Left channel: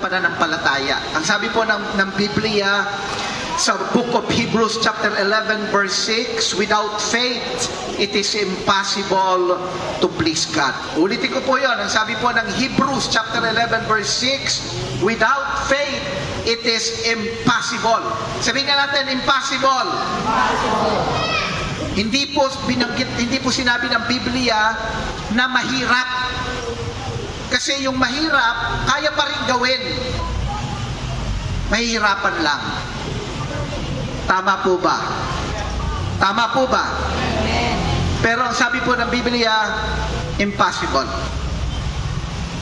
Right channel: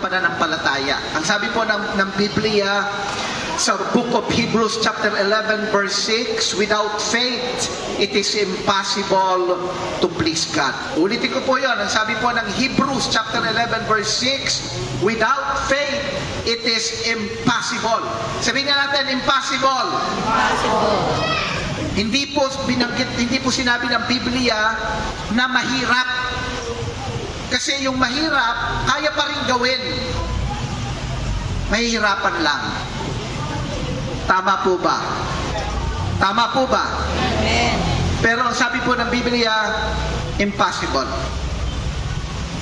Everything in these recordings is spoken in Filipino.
pananampalataya. Ang sabi po ng Biblia sa Book of Hebrews chapter 11 verse 6, without faith, it is impossible to please God. Ulitin ko po yun. Ang sabi po ng Hebrews chapter 11 verse 6, without faith, it is impossible. Sabihin nga natin, impossible. Hindi po sinabi ng Biblia na mahirap. Kasi yung mahirap, kaya pa rin gawin. Mahihirapan lang. Tama po ba? Tama po ba? Pero ang sabi po ng Biblia, impossible.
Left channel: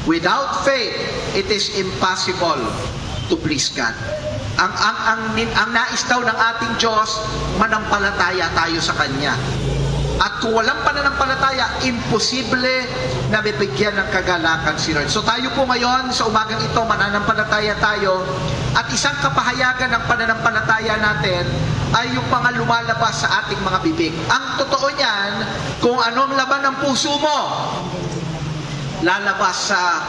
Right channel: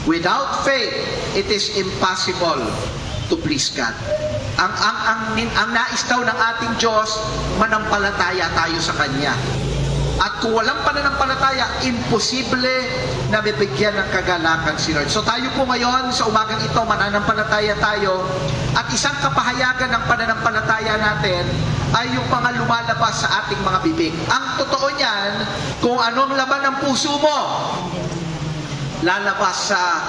Without faith, it is impossible to please God. Ang nais daw ng ating Diyos, manampalataya tayo sa Kanya. At kung walang pananampalataya, imposible na bibigyan ng kagalakan si Lord. So tayo po ngayon, sa umagang ito, mananampalataya tayo. At isang kapahayagan ng pananampalataya natin ay yung mga lumalabas sa ating mga bibig. Ang totoo niyan, kung anong laman ng puso mo, lalabas sa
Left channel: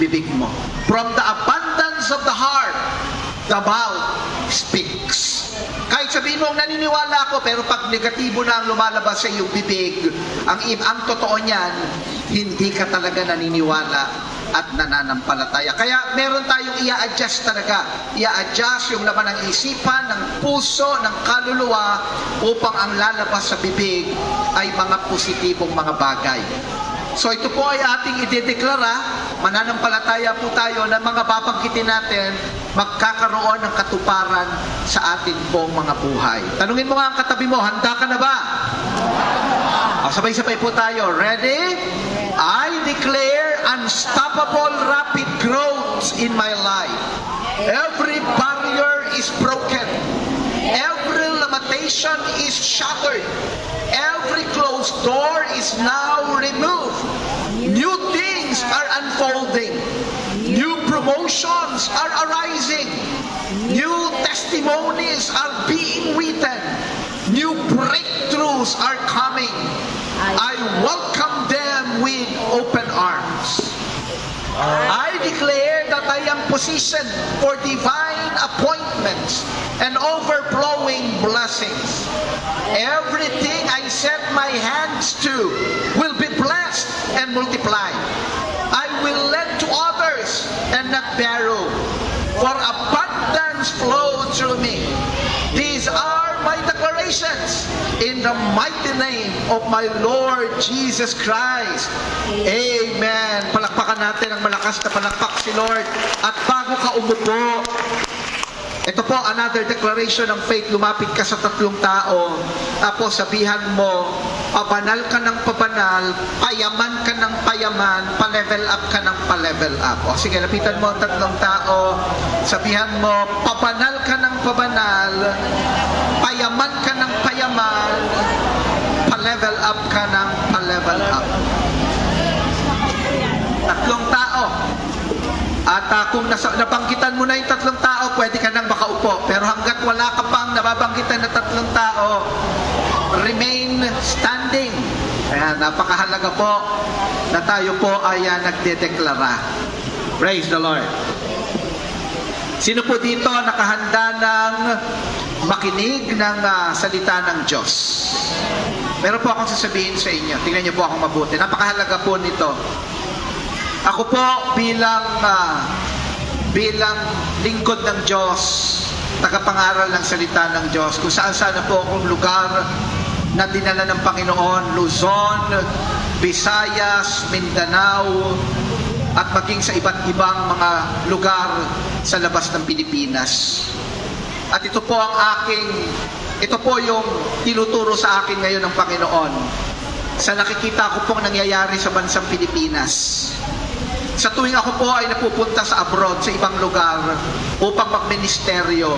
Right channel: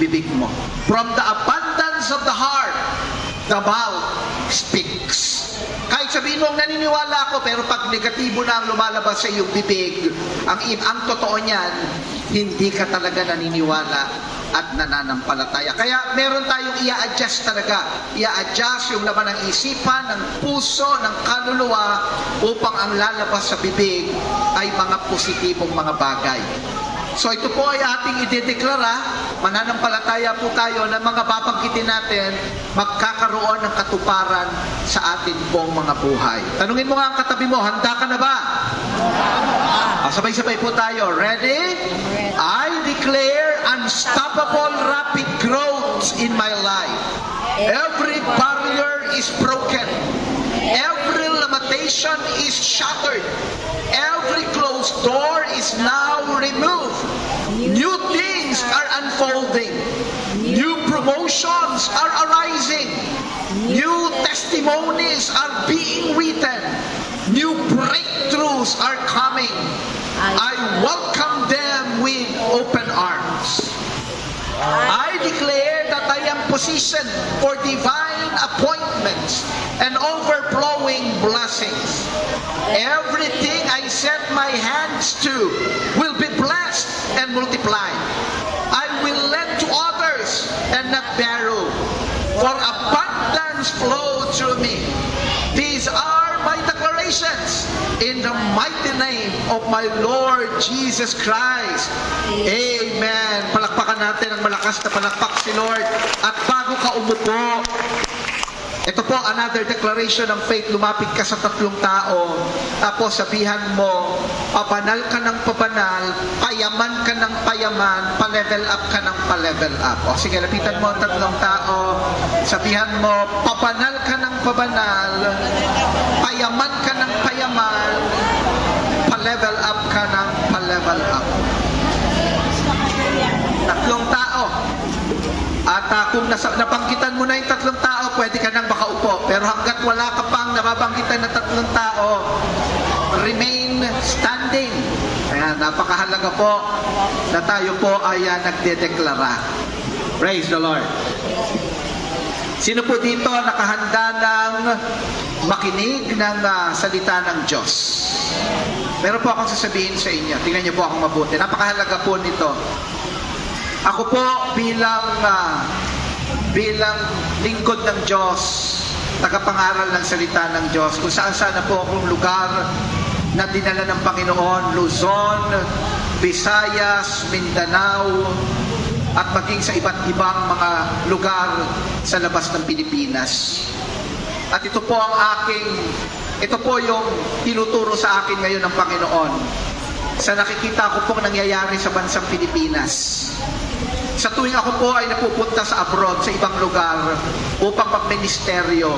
bibig mo. From the abundance of the heart, the mouth speaks. Kahit sabihin mo, naniniwala ako, pero pag negatibo na ang lumalabas sa iyong bibig, ang totoo niyan, hindi ka talaga naniniwala at nananampalataya. Kaya meron tayong i-adjust talaga. I-adjust yung laman ng isipan, ng puso, ng kaluluwa, upang ang lalabas sa bibig ay mga positibong mga bagay. So ito po ay ating idedeklara, mananampalataya po tayo na mga babanggitin natin, magkakaroon ng katuparan sa ating pong mga buhay. Tanungin mo nga ang katabi mo, handa ka na ba? Sabay-sabay po tayo. Ready? I declare unstoppable rapid growth in my life. Every barrier is broken. Every limitation is shattered. Every closed door is now removed. New things are unfolding. New promotions are arising. New testimonies are being written. New breakthroughs are coming. I welcome them with open arms. I declare that I am positioned for divine appointments and overflowing blessings. Everything I set my hands to will be blessed and multiplied. I will lend to others and not borrow, for abundance flow through me. These are my declarations in the mighty name of my Lord Jesus Christ. Amen. Palakpakan natin ang malakas na palakpak si Lord. At bago ka umupo, ito po, another declaration ng faith. Lumapit ka sa tatlong tao. Tapos sabihan mo, pabanal ka ng pabanal, payaman ka ng payaman, pa-level up ka ng pa-level up. O sige, lapitan mo ang tatlong tao. Sabihan mo, pabanal ka ng pabanal, payaman ka ng payaman, pa-level up ka ng pa-level up. Tatlong tao. At kung nabanggitan mo na yung tatlong tao, pwede ka nang makaupo. Pero hanggat wala ka pang nababanggitan na tatlong tao, remain standing. Kaya napakahalaga po na tayo po ay nagdedeklara. Praise the Lord. Sino po dito nakahanda ng makinig ng salita ng Diyos? Meron po akong sasabihin sa inyo. Tingnan niyo po akong mabuti. Napakahalaga po nito. Ako po bilang lingkod ng Diyos, tagapangaral ng salita ng Diyos, kung saan na po akong lugar na dinala ng Panginoon, Luzon, Visayas, Mindanao, at maging sa iba't ibang mga lugar sa labas ng Pilipinas. At ito po yung tinuturo sa akin ngayon ng Panginoon sa nakikita ko pong nangyayari sa bansang Pilipinas. Sa tuwing ako po ay napupunta sa abroad, sa ibang lugar, upang magministeryo,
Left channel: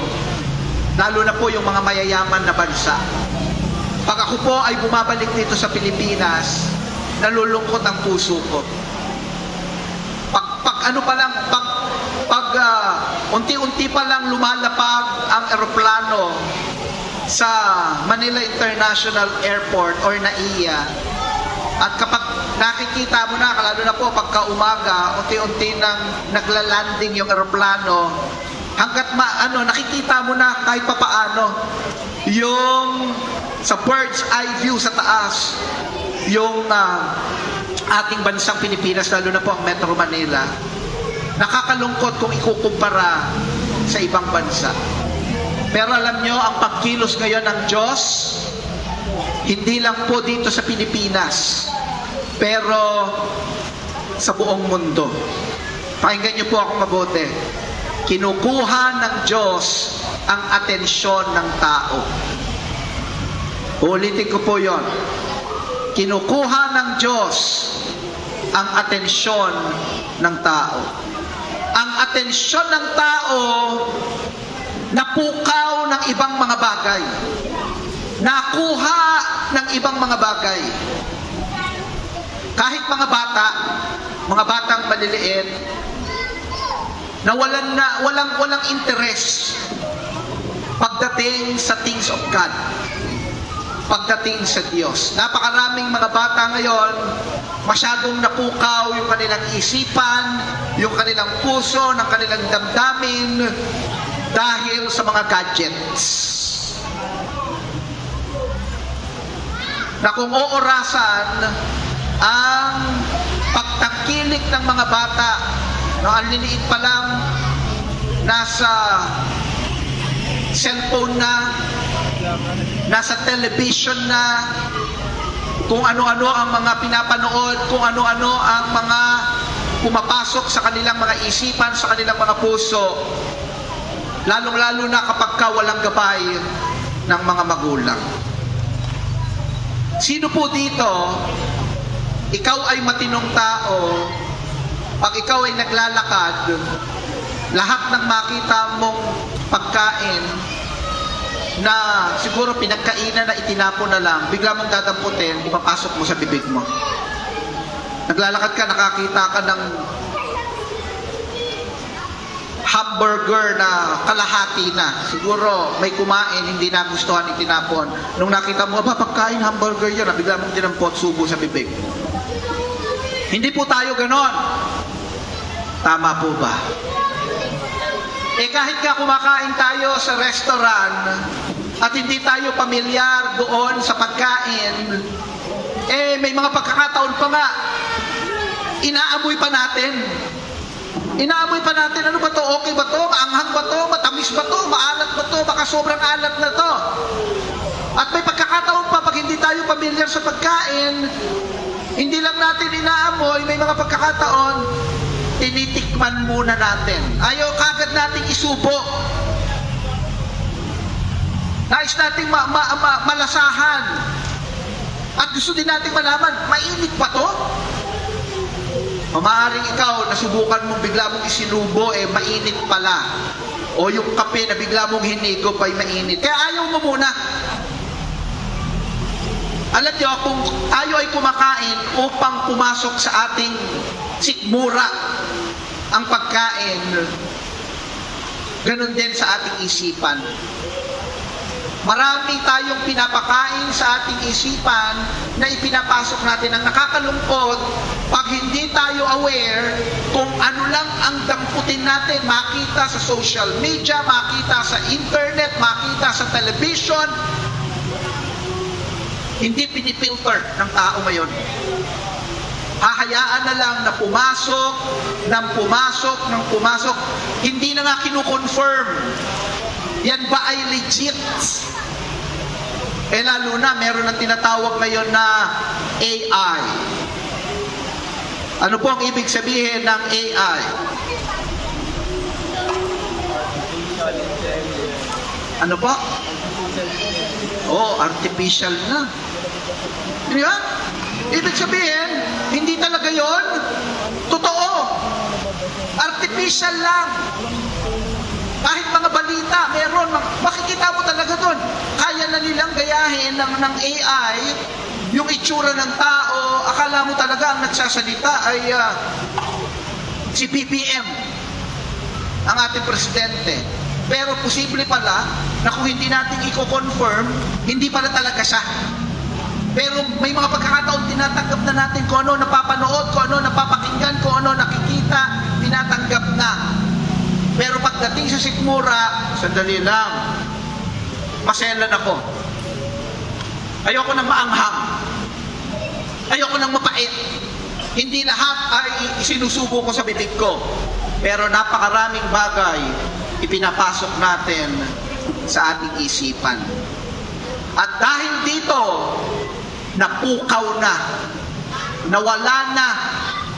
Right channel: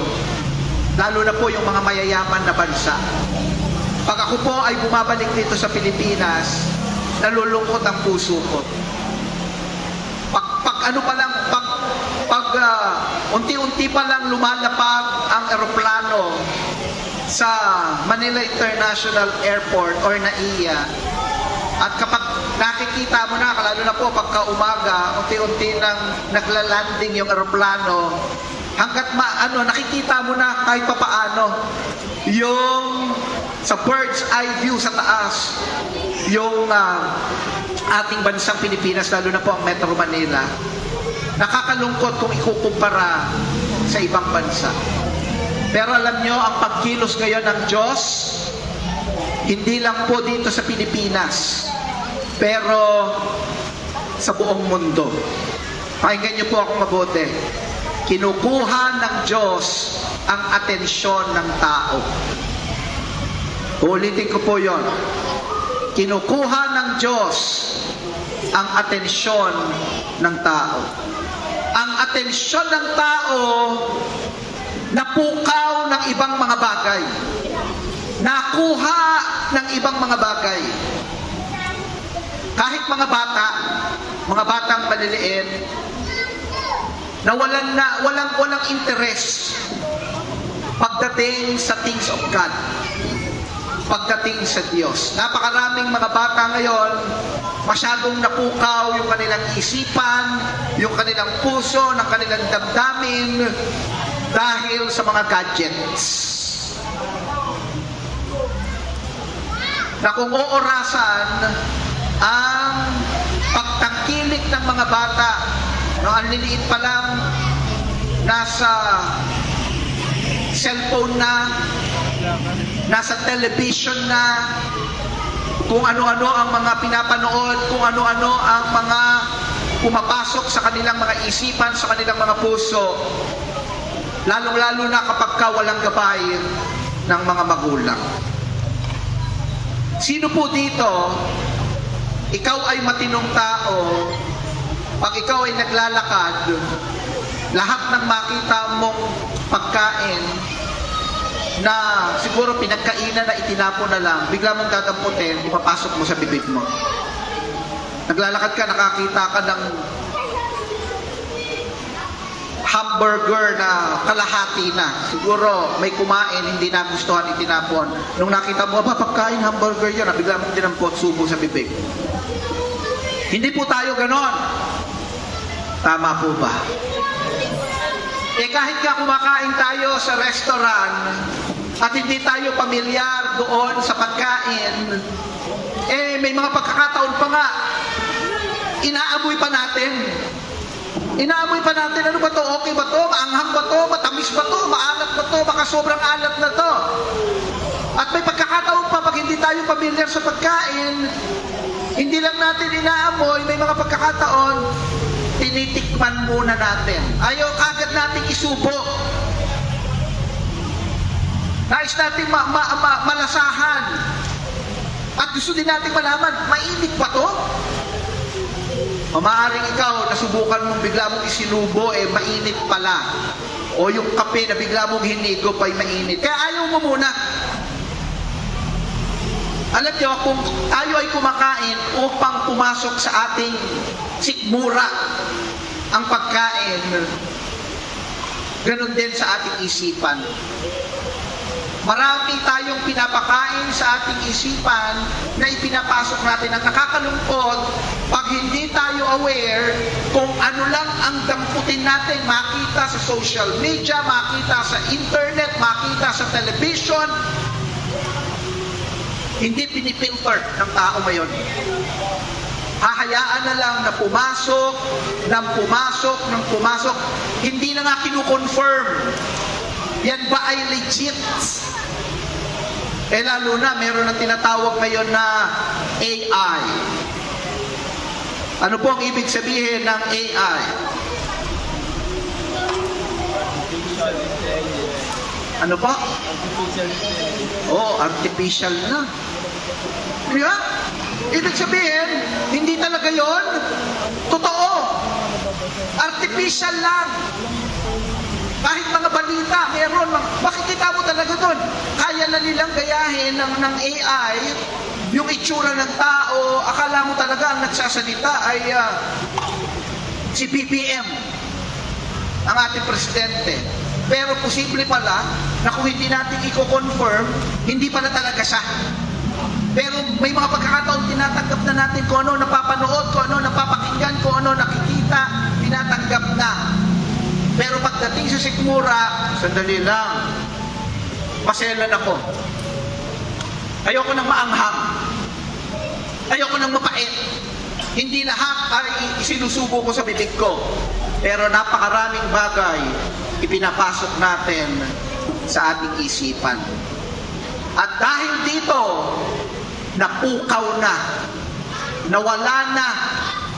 lalo na po yung mga mayayaman na bansa. Pag ako po ay bumabalik dito sa Pilipinas, nalulungkot ang puso ko. Unti-unti pa lang lumalapag ang eroplano sa Manila International Airport or NAIA, at kapag nakikita mo na, lalo na po pagka umaga, unti-unti nang naglalanding yung eroplano, hanggat nakikita mo na kahit papaano yung sa bird's eye view sa taas, yung ating bansang Pilipinas, lalo na po ang Metro Manila. Nakakalungkot kung ikukumpara sa ibang bansa. Pero alam nyo, ang pagkilos ngayon ng Diyos, hindi lang po dito sa Pilipinas, pero sa buong mundo. Pakinggan nyo po ako mabuti. Kinukuha ng Diyos ang atensyon ng tao. Ulitin ko po yon. Kinukuha ng Diyos ang atensyon ng tao. Ang atensyon ng tao napukaw ng ibang mga bagay. Nakuha ng ibang mga bagay. Kahit mga batang maliliit, na walang interest pagdating sa things of God, pagdating sa Diyos. Napakaraming mga bata ngayon, masyadong napukaw yung kanilang isipan, yung kanilang puso, ng kanilang damdamin, dahil sa mga gadgets. Na kung oorasan ang pagtangkilik ng mga bata, ang liliit pa lang, nasa cellphone na, nasa television na, kung ano-ano ang mga pinapanood, kung ano-ano ang mga pumapasok sa kanilang mga isipan, sa kanilang mga puso, lalong-lalo na kapag walang gabay ng mga magulang. Sino po dito, ikaw ay matinong tao, pag ikaw ay naglalakad, lahat ng makita mong pagkain na siguro pinagkainan na itinapon na lang, bigla mong dadamputin, ipapasok mo sa bibig mo. Naglalakad ka, nakakita ka ng hamburger na kalahati na. Siguro may kumain, hindi nagustuhan, itinapon. Nung nakita mo, pagkain hamburger yan, bigla mong dinampot, subo sa bibig. Hindi po tayo ganon. Tama po ba? Kahit ka kumakain tayo sa restaurant at hindi tayo pamilyar doon sa pagkain, may mga pagkakataon pa nga, inaamoy pa natin. Inaamoy pa natin, ano ba to? Okay ba to? Maanghang ba to? Matamis ba to? Maalat ba to? Baka sobrang alat na to. At may pagkakataon pa, pag hindi tayo pamilyar sa pagkain, hindi lang natin inaamoy, may mga pagkakataon, tinitikman muna natin. Ayaw kagad nating isubo. Nais nating malasahan. At gusto din nating malaman, mainit ba to? O maaaring ikaw, nasubukan mong bigla mong isinubo, mainit pala. O yung kape na bigla mong hinigo pa, mainit. Kaya ayaw mo muna. Alam niyo, kung tayo ay kumakain upang pumasok sa ating sikmura ang pagkain, ganun din sa ating isipan. Marami tayong pinapakain sa ating isipan na ipinapasok natin. Ang nakakalungkot, pag hindi tayo aware kung ano lang ang damputin natin, makita sa social media, makita sa internet, makita sa television, hindi pinipilter ng tao ngayon. Hahayaan na lang na pumasok, hindi na nga kinukonfirm. Yan ba ay legit? Lalo na, meron ng tinatawag ngayon na AI. Ano po ang ibig sabihin ng AI? Artificial intelligence. Ano ba? Artificial na. Kaya, ibig sabihin, hindi talaga yon totoo. Artificial lang. Kahit mga balita, meron. Makikita mo talaga doon. Kaya na nilang gayahin ng AI yung itsura ng tao. Akala mo talaga ang nagsasalita ay si BBM, ang ating presidente. Pero posible pala na kung hindi natin i-confirm, hindi pala talaga siya. Pero may mga pagkakataon tinatanggap na natin kung ano napapanood, kung ano napapakinggan, kung ano nakikita, tinatanggap na. Pero pagdating sa sikmura, sandali lang, maselan ako. Ayoko nang maanghang. Ayoko nang mapait. Hindi lahat ay isinusubo ko sa bibig ko. Pero napakaraming bagay ipinapasok natin sa ating isipan. At dahil dito, napukaw na, nawala na,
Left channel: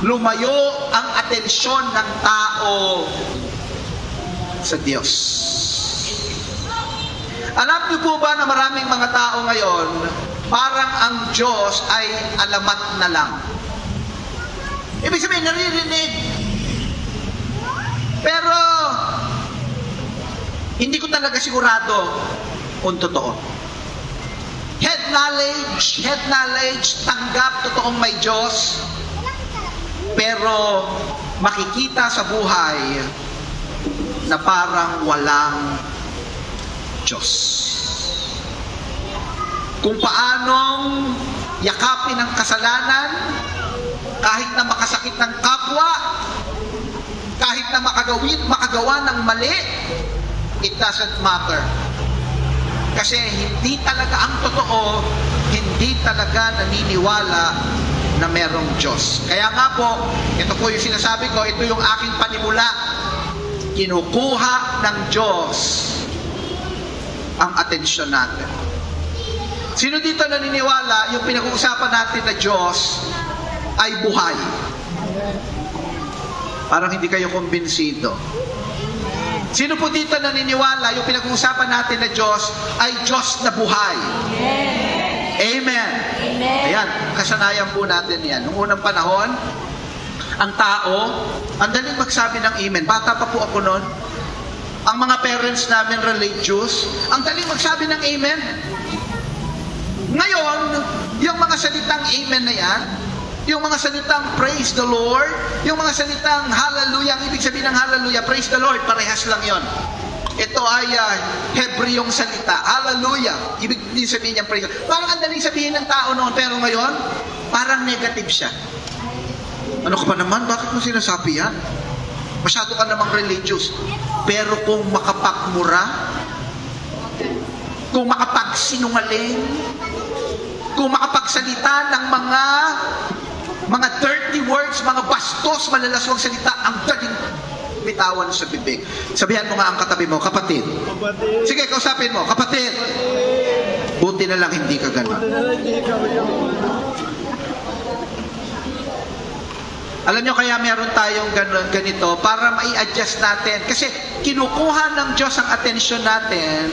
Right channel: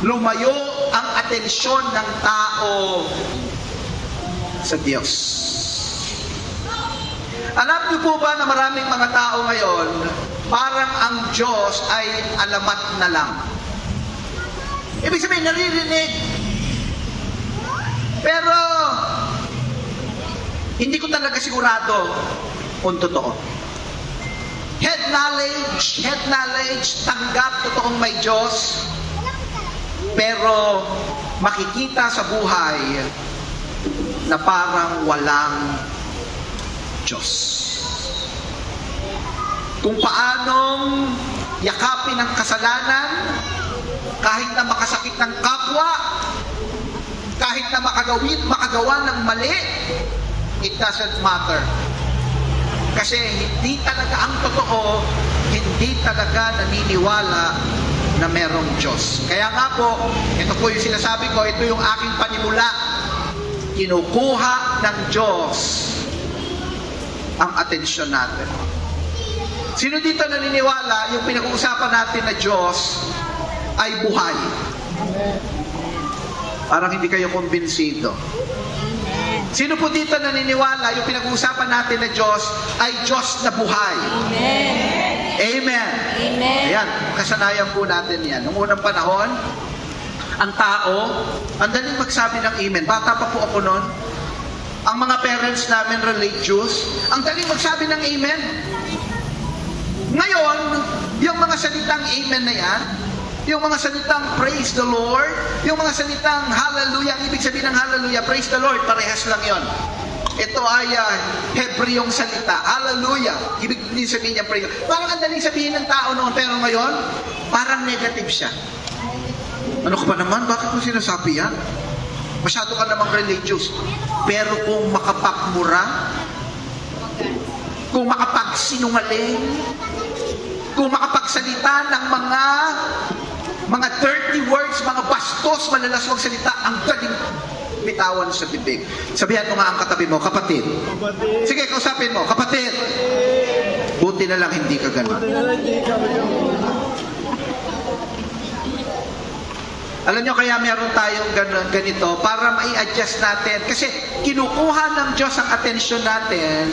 lumayo ang atensyon ng tao sa Diyos. Alam niyo po ba na maraming mga tao ngayon, parang ang Diyos ay alamat na lang. Ibig sabihin, naririnig. Pero, hindi ko talaga sigurado kung totoo. Head knowledge, tanggap, totoong may Diyos. Pero, makikita sa buhay na parang walang Diyos. Kung paanong yakapin ang kasalanan, kahit na makasakit ng kapwa, kahit na makagawa ng mali, it doesn't matter. Kasi hindi talaga ang totoo, hindi talaga naniniwala na merong Diyos. Kaya nga po, ito po yung sinasabi ko, ito yung aking panimula. Kinukuha ng Diyos ang atensyon natin. Sino dito naniniwala yung pinag-uusapan natin na Diyos ay buhay? Parang hindi kayo kumbinsido. Sino po dito naniniwala yung pinag-uusapan natin na Diyos ay Diyos na buhay? Amen. Amen. Amen. Ayan, kasanayan po natin yan. Noong unang panahon, ang tao, ang daling magsabi ng amen. Bata pa po ako noon. Ang mga parents namin religious, ang daling magsabi ng amen. Ngayon, yung mga salitang amen na yan, yung mga salitang praise the Lord, yung mga salitang hallelujah, ang ibig sabihin ng hallelujah, praise the Lord, parehas lang yon. Ito ay Hebreong salita, hallelujah, ibig sabihin niya praise. Parang ang daling sabihin ng tao noon, pero ngayon, parang negative siya. Ano ka ba naman? Bakit mo sinasabi yan? Masyado ka namang religious. Pero kung makapagmura, kung makapagsinungaling, kung makapagsalita ng mga dirty words, mga bastos, malalaswang salita, ang galing bitawan sa bibig. Sabihan mo nga ang katabi mo, kapatid. Kapatid. Sige, kausapin mo, kapatid. Buti na lang hindi ka ganun. Buti na lang hindi ka ganun. Alam nyo, kaya meron tayong ganito para mai-adjust natin. Kasi kinukuha ng Diyos ang atensyon natin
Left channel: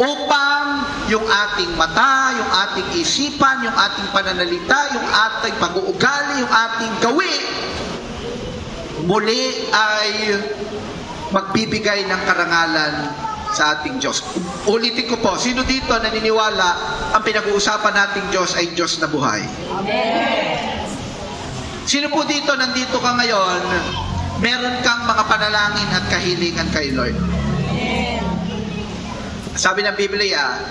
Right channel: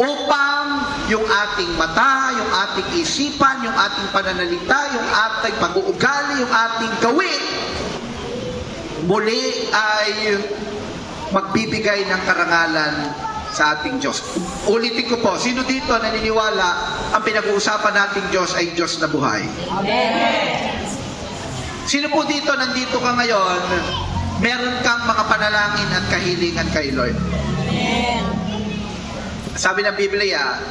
upang yung ating mata, yung ating isipan, yung ating pananalita, yung ating pag-uugali, yung ating gawi, muli ay magbibigay ng karangalan sa ating Diyos. Ulitin ko po, sino dito naniniwala ang pinag-uusapan nating Diyos ay Diyos na buhay? Amen. Sino po dito, nandito ka ngayon, meron kang mga panalangin at kahilingan kay Lord? Amen. Sabi ng Biblia,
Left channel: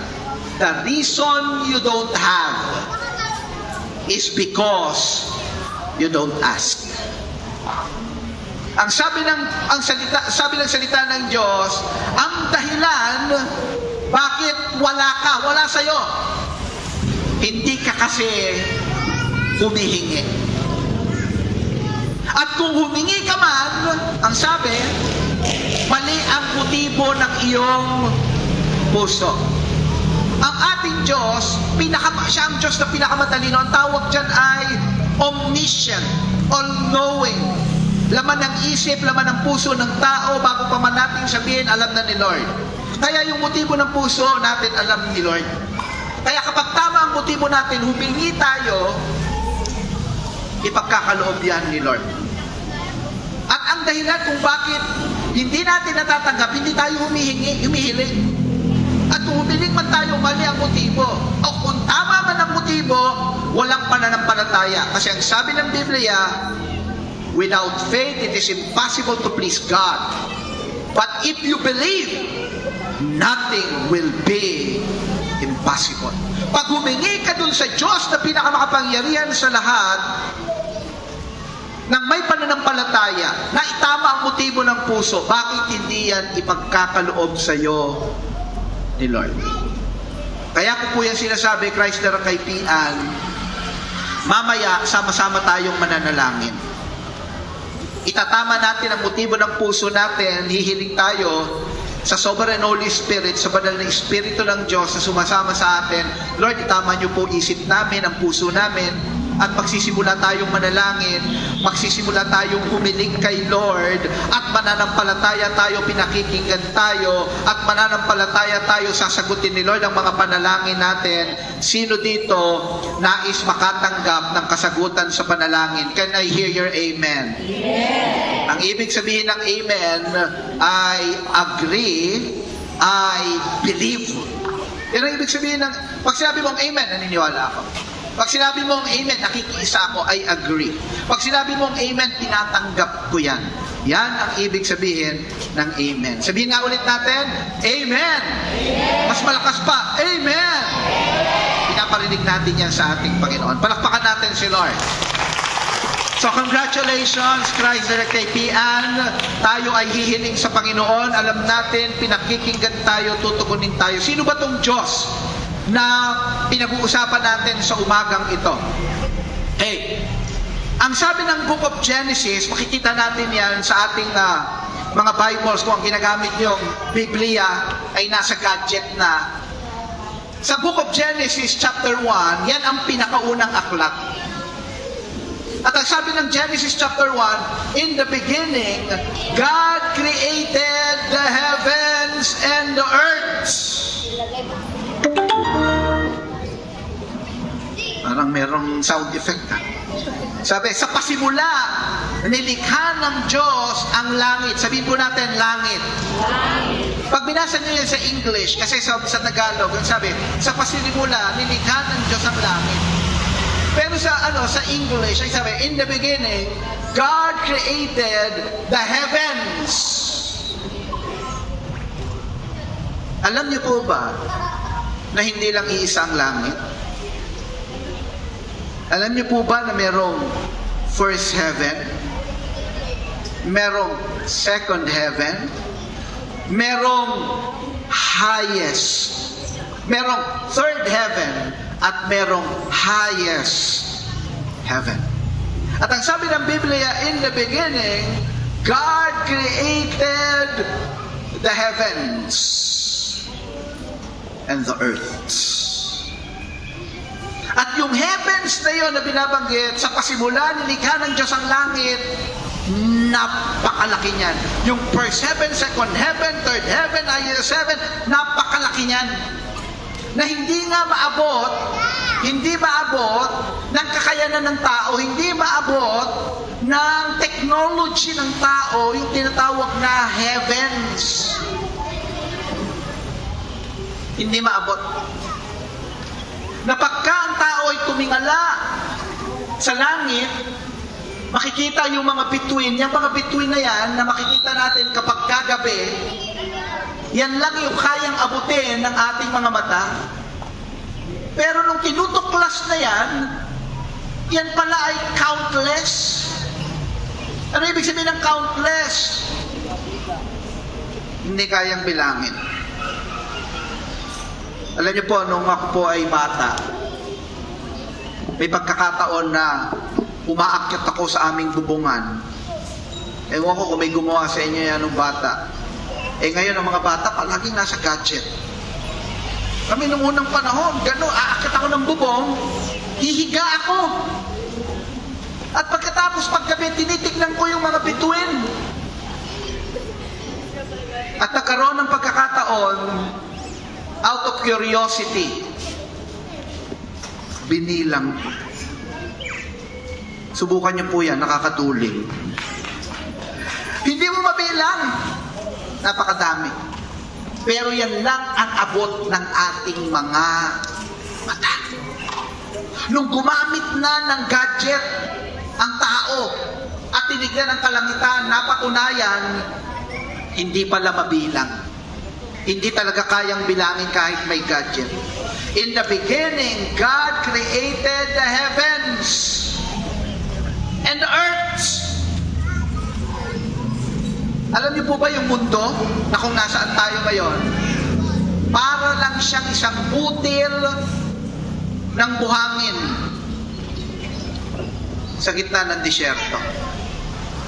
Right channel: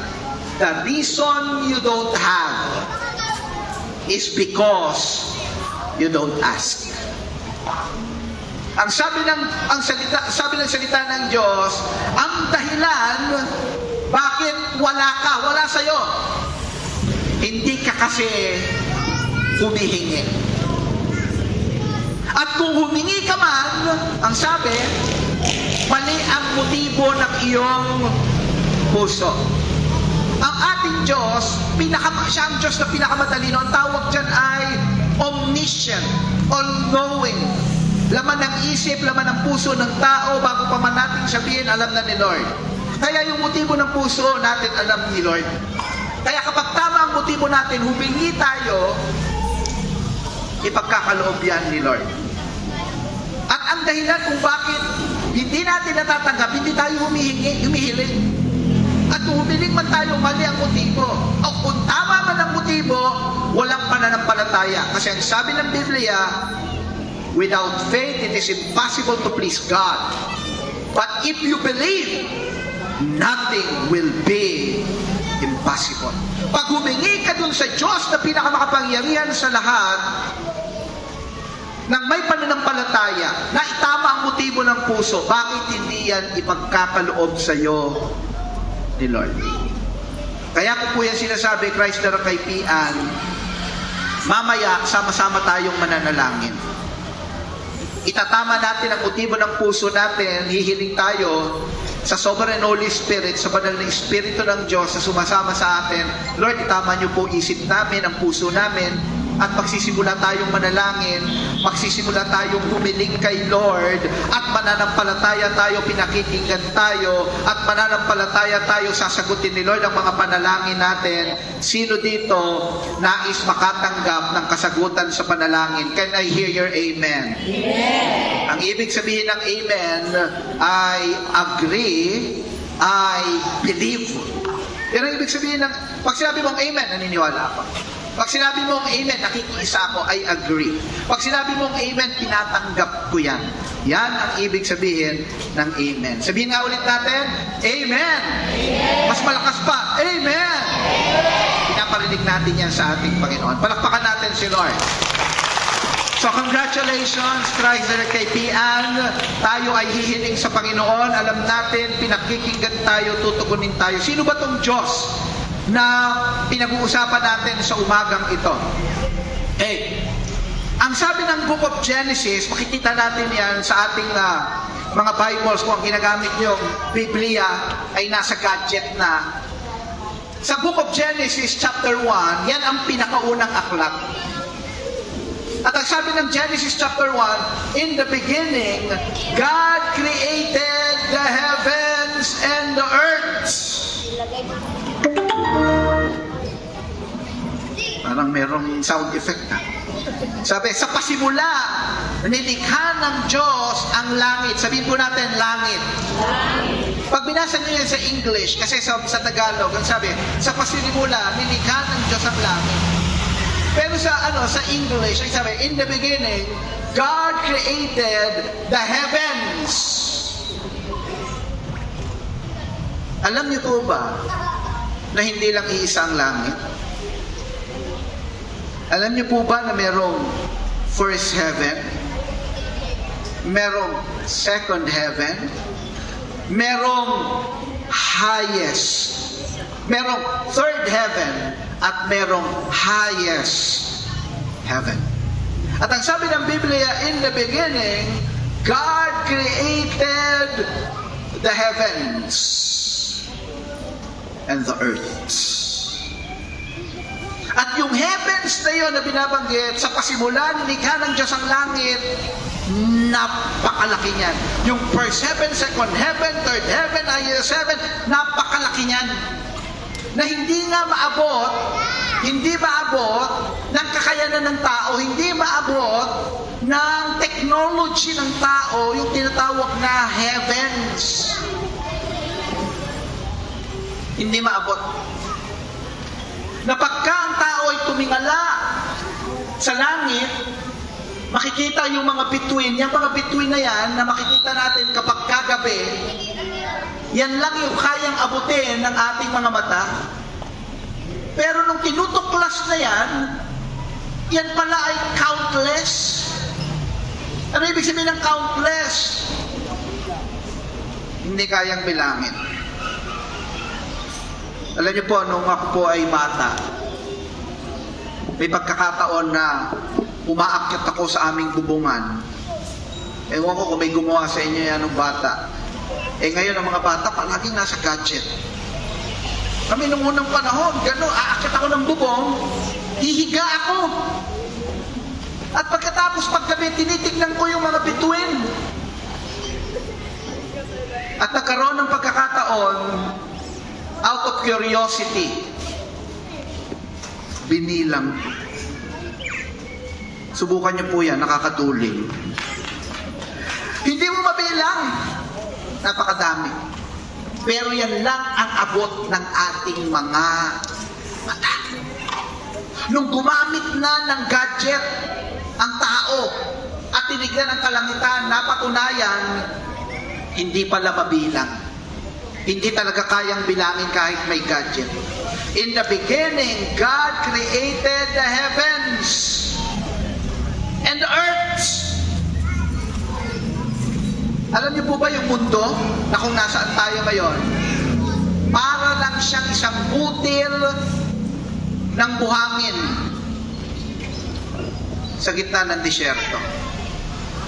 the reason you don't have is because you don't ask. Sabi ng salita ng Diyos, ang dahilan bakit wala sa'yo, hindi ka kasi humihingi. At kung humingi ka man, ang sabi, mali ang motibo ng iyong puso. Ang ating Diyos, siya ang Diyos na pinakamadalino. Ang tawag dyan ay omniscient, all-knowing. Laman ng isip, laman ng puso ng tao, bago pa man natin sabihin, alam na ni Lord. Kaya yung motibo ng puso natin, alam ni Lord. Kaya kapag tama ang motibo natin, humingi tayo, ipagkakaloob yan ni Lord. At ang dahilan kung bakit hindi natin natatanggap, hindi tayo humihiling. At kung humiling man tayo, mali ang motibo. O kung tama man ang motibo, walang pananampalataya. Kasi ang sabi ng Biblia, without faith, it is impossible to please God. But if you believe, nothing will be impossible. possible. Pag humingi ka dun sa Diyos na pinakamakapangyarihan sa lahat, nang may pananampalataya, na itama ang motibo ng puso, bakit hindi yan ipagkakaloob sa iyo ni Lord? Kaya ko po yan sinasabi, Christ na Rakaypian, mamaya sama-sama tayong mananalangin. Itatama natin ang motibo ng puso natin, hihiling tayo sa Sovereign Holy Spirit, sa banal na Espiritu ng Diyos na sumasama sa atin. Lord, itama niyo po isip namin, ang puso namin, at magsisimula tayong manalangin, magsisimula tayong humiling kay Lord, at mananampalataya tayo, pinakikinggan tayo, at mananampalataya tayo, sasagutin ni Lord ang mga panalangin natin. Sino dito nais makatanggap ng kasagutan sa panalangin? Can I hear your amen? Amen. Ang ibig sabihin ng amen ay agree, I believe. Pero ang ibig sabihin ng, pag sinabi mong amen, naniniwala ako. Pag sinabi mong amen, nakikiisa ako, I agree. Pag sinabi mong amen, tinatanggap ko yan. Yan ang ibig sabihin ng amen. Sabihin nga ulit natin, amen. Amen. Mas malakas pa, amen. Pinaparinig natin yan sa ating Panginoon. Palakpakan natin si Lord. So congratulations, Christ Rakaypian. Tayo ay hihiling sa Panginoon. Alam natin, pinakikinggan tayo, tutugunin tayo. Sino ba tong Diyos na pinag-uusapan natin sa umagang ito? Ang sabi ng Book of Genesis, makikita natin yan sa ating mga Bibles, kung ang ginagamit yung Biblia ay nasa gadget na. Sa Book of Genesis chapter 1, yan ang pinakaunang aklat. At ang sabi ng Genesis chapter 1, in the beginning, God created the heavens and the earth. Parang merong sound effect. Sabi, sa pasimula, nilikha ng Diyos ang langit. Sabihin po natin, langit. Pag binasa niyo yan sa English, kasi sa Tagalog, sabi, sa pasimula, nilikha ng Diyos ang langit. Pero sa English, ay sabi, in the beginning, God created the heavens. Alam niyo po ba na hindi lang iisang langit? Alam niyo po ba na merong first heaven, merong second heaven, merong highest, merong third heaven, at merong highest heaven. At ang sabi ng Biblia, in the beginning, God created the heavens and the earth. At yung heavens na yun na binabanggit, sa pasimula, nilikha ng Diyos ang langit, napakalaki niyan. Yung first heaven, second heaven, third heaven, highest heaven, napakalaki niyan. Na hindi nga maabot ng kakayanan ng tao, hindi maabot ng technology ng tao, yung tinatawag na heavens. Hindi maabot. Na pagka ang tao ay tumingala sa langit, makikita yung mga bituin. Yung mga bituin na yan, na makikita natin kapag kagabi, yan lang yung kayang abutin ng ating mga mata. Pero nung tinutuklas na yan pala ay countless. Ano ibig sabihin ng countless? Hindi kayang bilangin. Alam niyo po, nung ako po ay bata, may pagkakataon na umaakyat ako sa aming bubungan. Ewan ko kung may gumawa sa inyo yan nung bata. Ngayon ang mga bata palaging nasa gadget. Kami nung unang panahon, aakyat ako ng bubong, hihiga ako. At pagkatapos paggabi, tinitignan ko yung mga bituin. At nagkaroon ng pagkakataon, out of curiosity, binilang. Subukan niyo po yan, nakakatuling. Hindi mo mabilang. Napakadami. Pero yan lang ang abot ng ating mga mata. Nung gumamit na ng gadget ang tao at tinignan ang kalangitan, napatunayan, hindi pala mabilang. Hindi talaga kayang bilangin kahit may gadget. In the beginning, God created the heavens and the earth. Alam niyo po ba yung mundo na kung nasaan tayo ngayon? Para lang siyang isang butil ng buhangin sa gitna ng disyerto.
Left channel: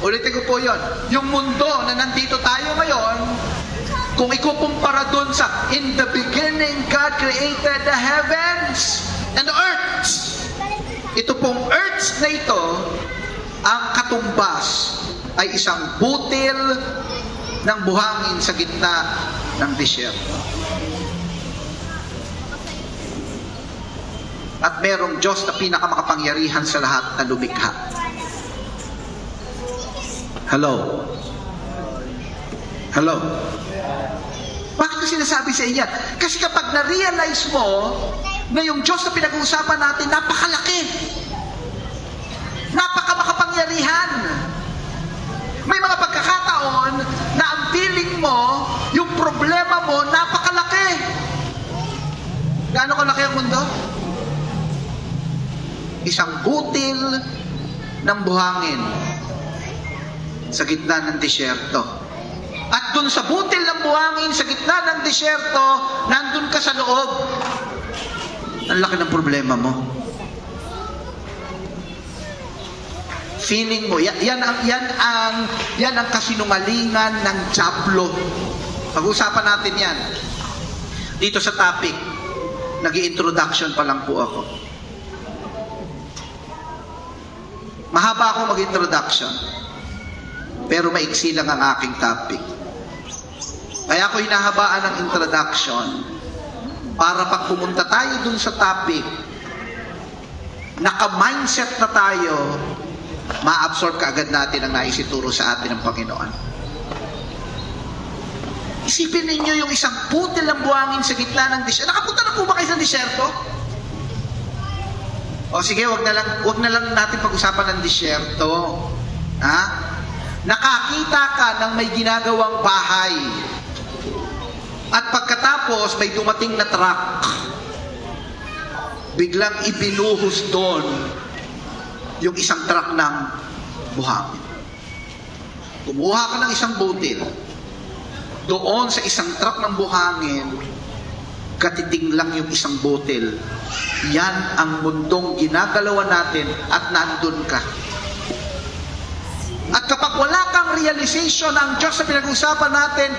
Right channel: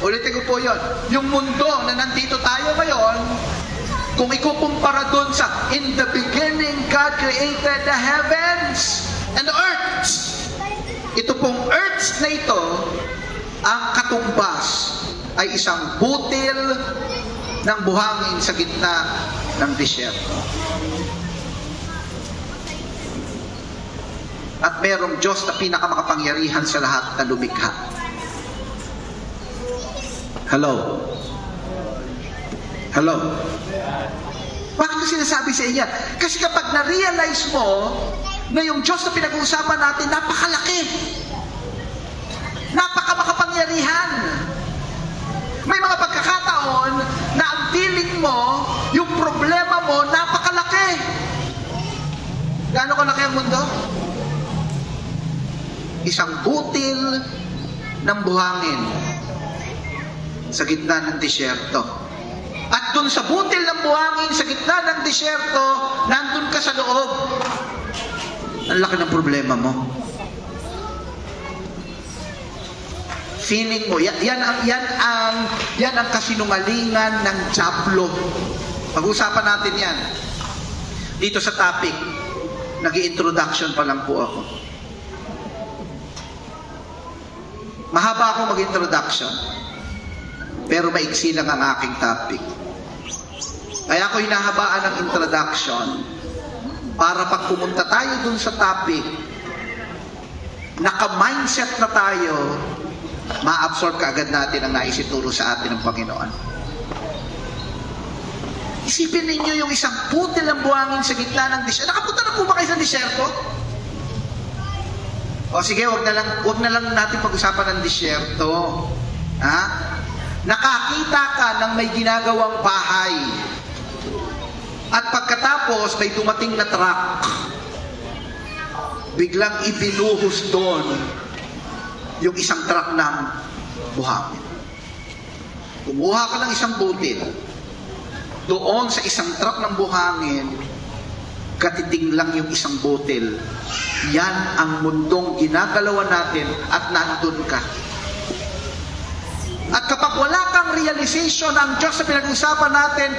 Ulitin ko po yun. Yung mundo na nandito tayo ngayon, kung ikukumpara dun sa in the beginning, God created the heavens and the earth. Ito pong earth na ito, ang katumbas ay isang butil ng buhangin sa gitna ng disyerto. At merong Diyos na pinakamakapangyarihan sa lahat na lumikha. Hello? Hello? Bakit ko sinasabi sa inyo? Kasi kapag na-realize mo na yung Diyos na pinag-uusapan natin, napakalaki. Napakamakapangyarihan. May mga pagkakataon na ang feeling mo, yung problema mo, napakalaki. Gaano kalaki ang mundo? Isang butil ng buhangin sa gitna ng disyerto. At dun sa butil ng buhangin sa gitna ng disyerto, nandun ka sa loob. Ang laki ng problema mo. Feeling mo, yan ang kasinungalingan ng Diablo. Pag-usapan natin yan. Dito sa topic, nag-i-introduction pa lang po ako. Mahaba akong mag-introduction, pero maiksi lang ang aking topic. Kaya ako hinahabaan ng introduction para pag pumunta tayo dun sa topic, naka-mindset na tayo, ma-absorb kaagad natin ang naisituro sa atin ng Panginoon. Isipin ninyo yung isang butil ng buhangin sa gitna ng disyerto. Nakapunta na po ba kayo sa disyerto? O sige, wag na lang natin pag-usapan ng disyerto. Ha? Nakakita ka ng may ginagawang bahay. At pagkatapos, may dumating na truck. Biglang ibinuhos doon yung isang truck ng buhangin. Kumuha ka ng isang butil. Doon sa isang truck ng buhangin, katiting lang yung isang butil. Yan ang mundong ginagalawan natin at nandun ka. At kapag wala kang realization ng Diyos na pinag-usapan natin,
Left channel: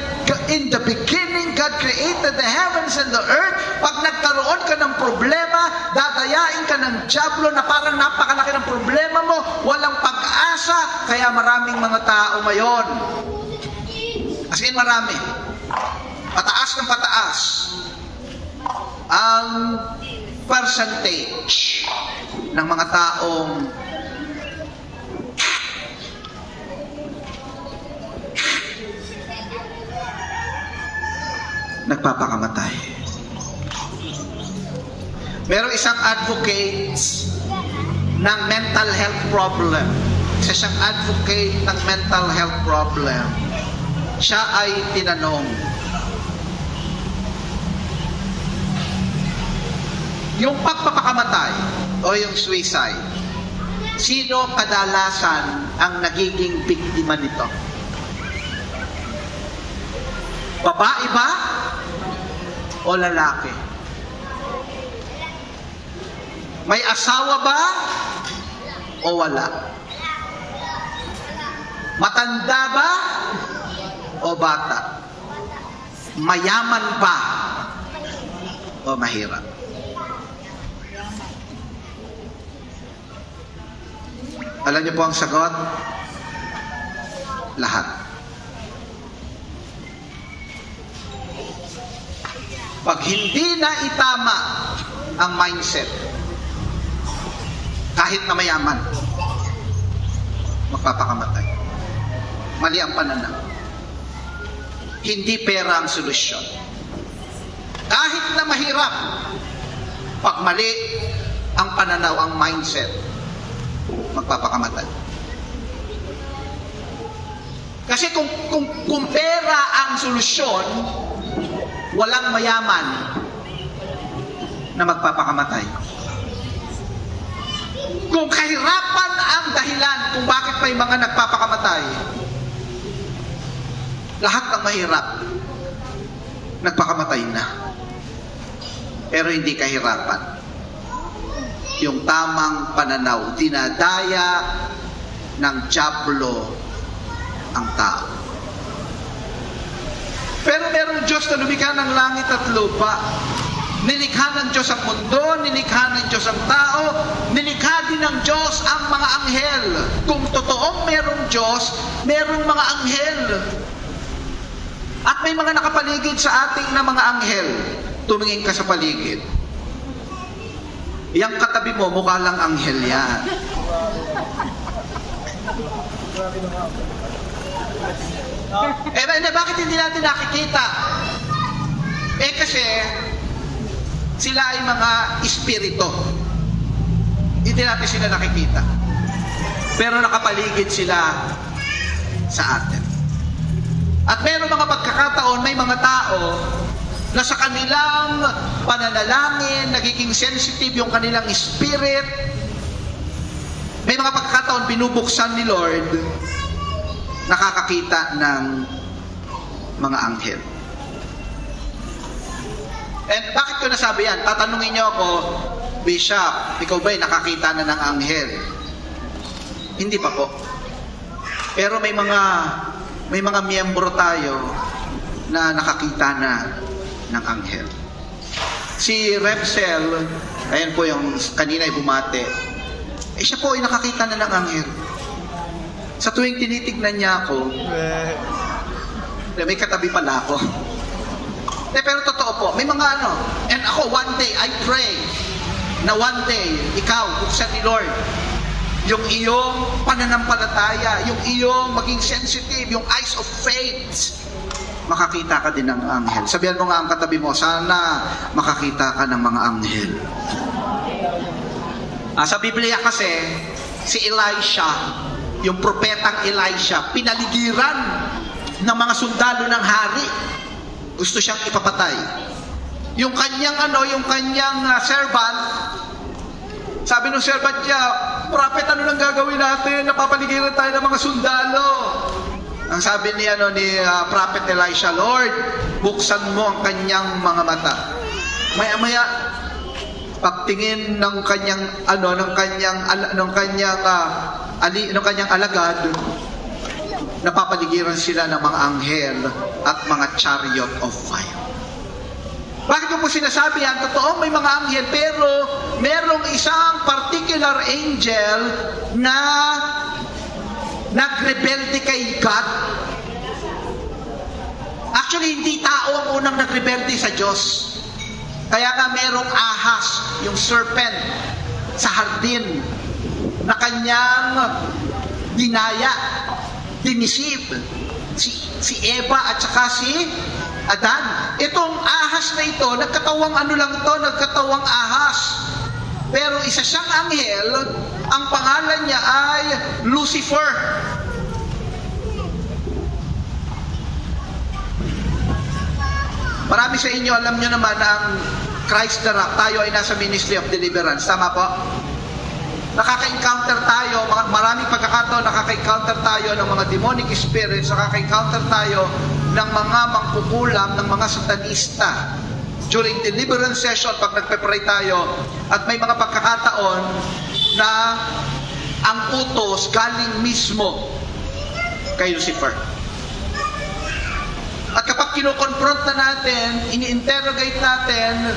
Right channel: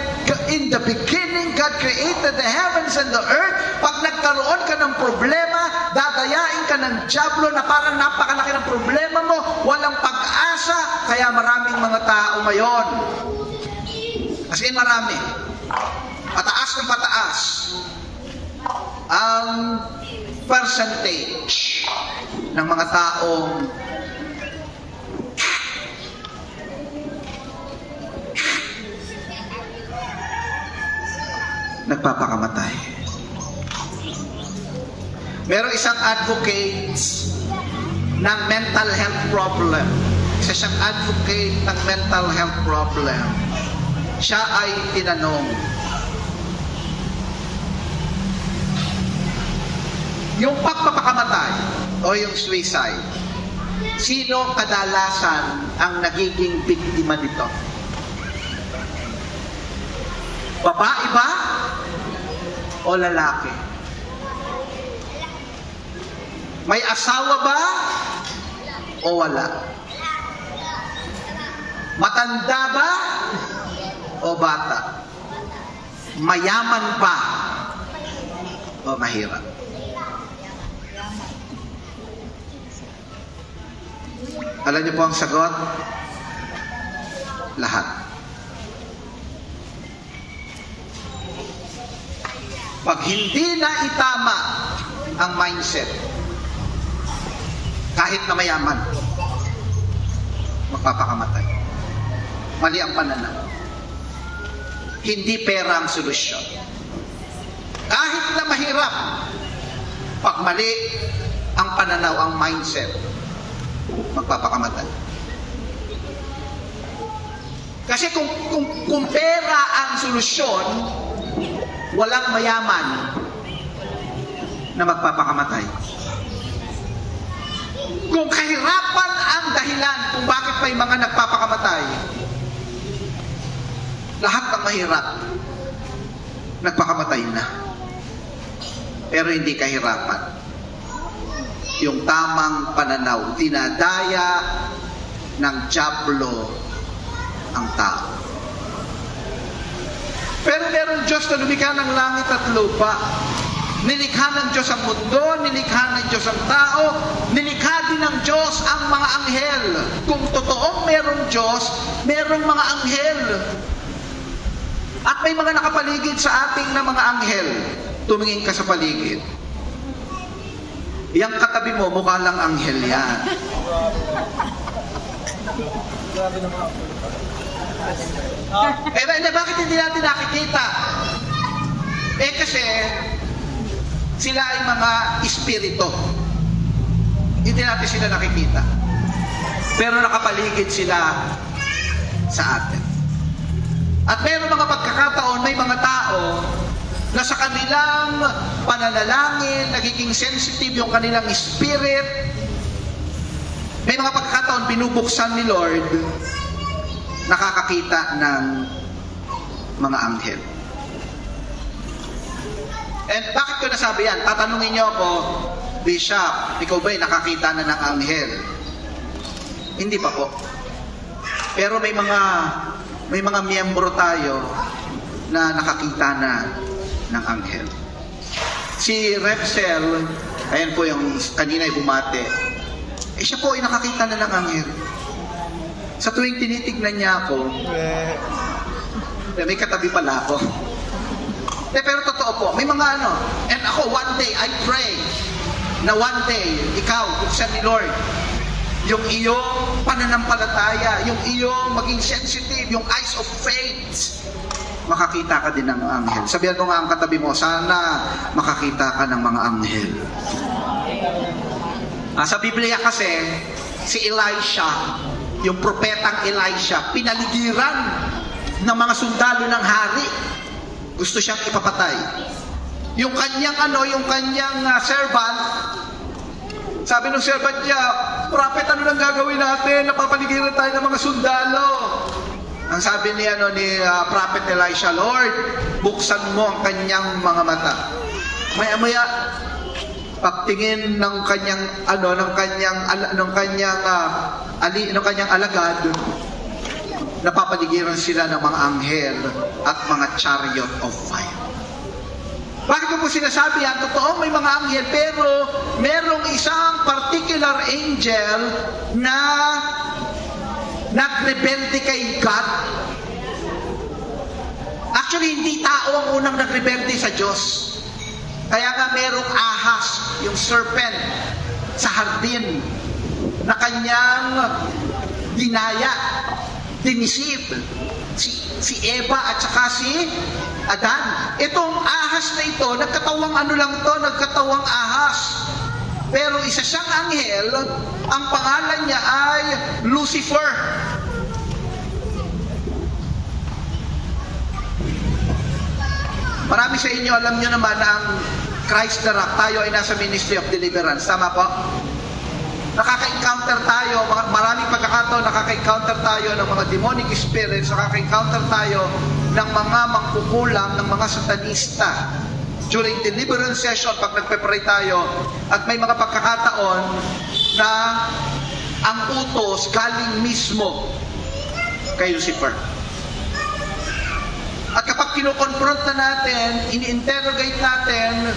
in the beginning, God created the heavens and the earth. Pag nagkaroon ka ng problema, dadayain ka ng Diablo na parang napakalaki ng problema mo, walang pag-asa, kaya maraming mga tao ngayon. As in marami. Pataas ng pataas ang percentage ng mga taong nagpapakamatay. Meron isang advocate ng mental health problem. Isa siyang advocate ng mental health problem. Siya ay tinanong, yung pagpapakamatay o yung suicide, sino kadalasan ang nagiging biktima nito? Babae ba o lalaki? May asawa ba o wala? Matanda ba o bata? Mayaman ba o mahirap? Alam niyo po ang sagot? Lahat. Pag hindi na itama ang mindset, kahit na mayaman, magpapakamatay. Mali ang pananaw. Hindi pera ang solusyon. Kahit na mahirap, pag mali ang pananaw, ang mindset, magpapakamatay. Kasi kung pera ang solusyon, walang mayaman na magpapakamatay. Kung kahirapan ang dahilan kung bakit may mga nagpapakamatay, lahat ng mahirap nagpakamatay na. Pero hindi kahirapan. Yung tamang pananaw, dinadaya ng dyablo ang tao. Pero meron Diyos na lumikha ng langit at lupa. Nilikha ng Diyos ang mundo, nilikha ng Diyos ang tao, nilikha din ng Diyos ang mga anghel. Kung totoong merong Diyos, merong mga anghel. At may mga nakapaligid sa ating na mga anghel. Tumingin ka sa paligid. Yang katabi mo, mukha lang anghel yan. Bakit hindi natin nakikita? Kasi sila ay mga espiritu. Hindi natin sila nakikita. Pero nakapaligid sila sa atin. At mayroong mga pagkakataon, may mga tao na sa kanilang pananalangin, nagiging sensitive yung kanilang spirit. May mga pagkakataon, binubuksan ni Lord, nakakakita ng mga anghel. And bakit ko nasabi yan? Tatanungin niyo ako, Bishop, ikaw ba'y nakakita na ng anghel? Hindi pa po. Pero may mga miyembro tayo na nakakita na ng anghel. Si Repsel, ayan po yung kanina ay bumate, siya po ay nakakita na ng anghel. Sa tuwing tinitignan niya ako, may katabi pala ako. Pero totoo po, may mga and ako one day, I pray na one day, ikaw, buksan ni Lord, yung iyong pananampalataya, yung iyong maging sensitive, yung eyes of faith, makakita ka din ng anghel. Sabihan mo nga ang katabi mo, sana makakita ka ng mga anghel. Sa Biblia kasi, si Elisha, yung propetang Elisha, pinaligiran ng mga sundalo ng hari. Gusto siyang ipapatay. Yung kanyang servant, sabi ng servant niya, prophet, ano lang gagawin natin? Napapaligiran tayo ng mga sundalo. Ang sabi ni Prophet Elisha, Lord, buksan mo ang kanyang mga mata. Maya-maya, pagtingin ng kanyang alagad, napapaligiran sila ng mga anghel at mga chariot of fire. Bakit ko po sinasabi yan? Totoo, may mga anghel, pero merong isang particular angel na nagrebelde kay God. Actually, hindi tao ang unang nagrebelde sa Diyos. Kaya nga merong ahas, yung serpent, sa hardin, na kanyang dinaya, dinisid si Eva at saka si Adan. Itong ahas na ito, nagkatawang nagkatawang ahas. Pero isa siyang anghel, ang pangalan niya ay Lucifer. Marami sa inyo, alam nyo naman ang Christ the Rock, tayo ay nasa Ministry of Deliverance. Tama po? Nakaka-encounter tayo, maraming pagkakataon nakaka-encounter tayo ng mga demonic spirits, nakaka-encounter tayo ng mga mangkukulam, ng mga satanista. During deliverance session, pag nagpe-pray tayo, at may mga pagkakataon na ang utos galing mismo kay Lucifer. At kapag kinoconfront na natin, ini-interrogate natin,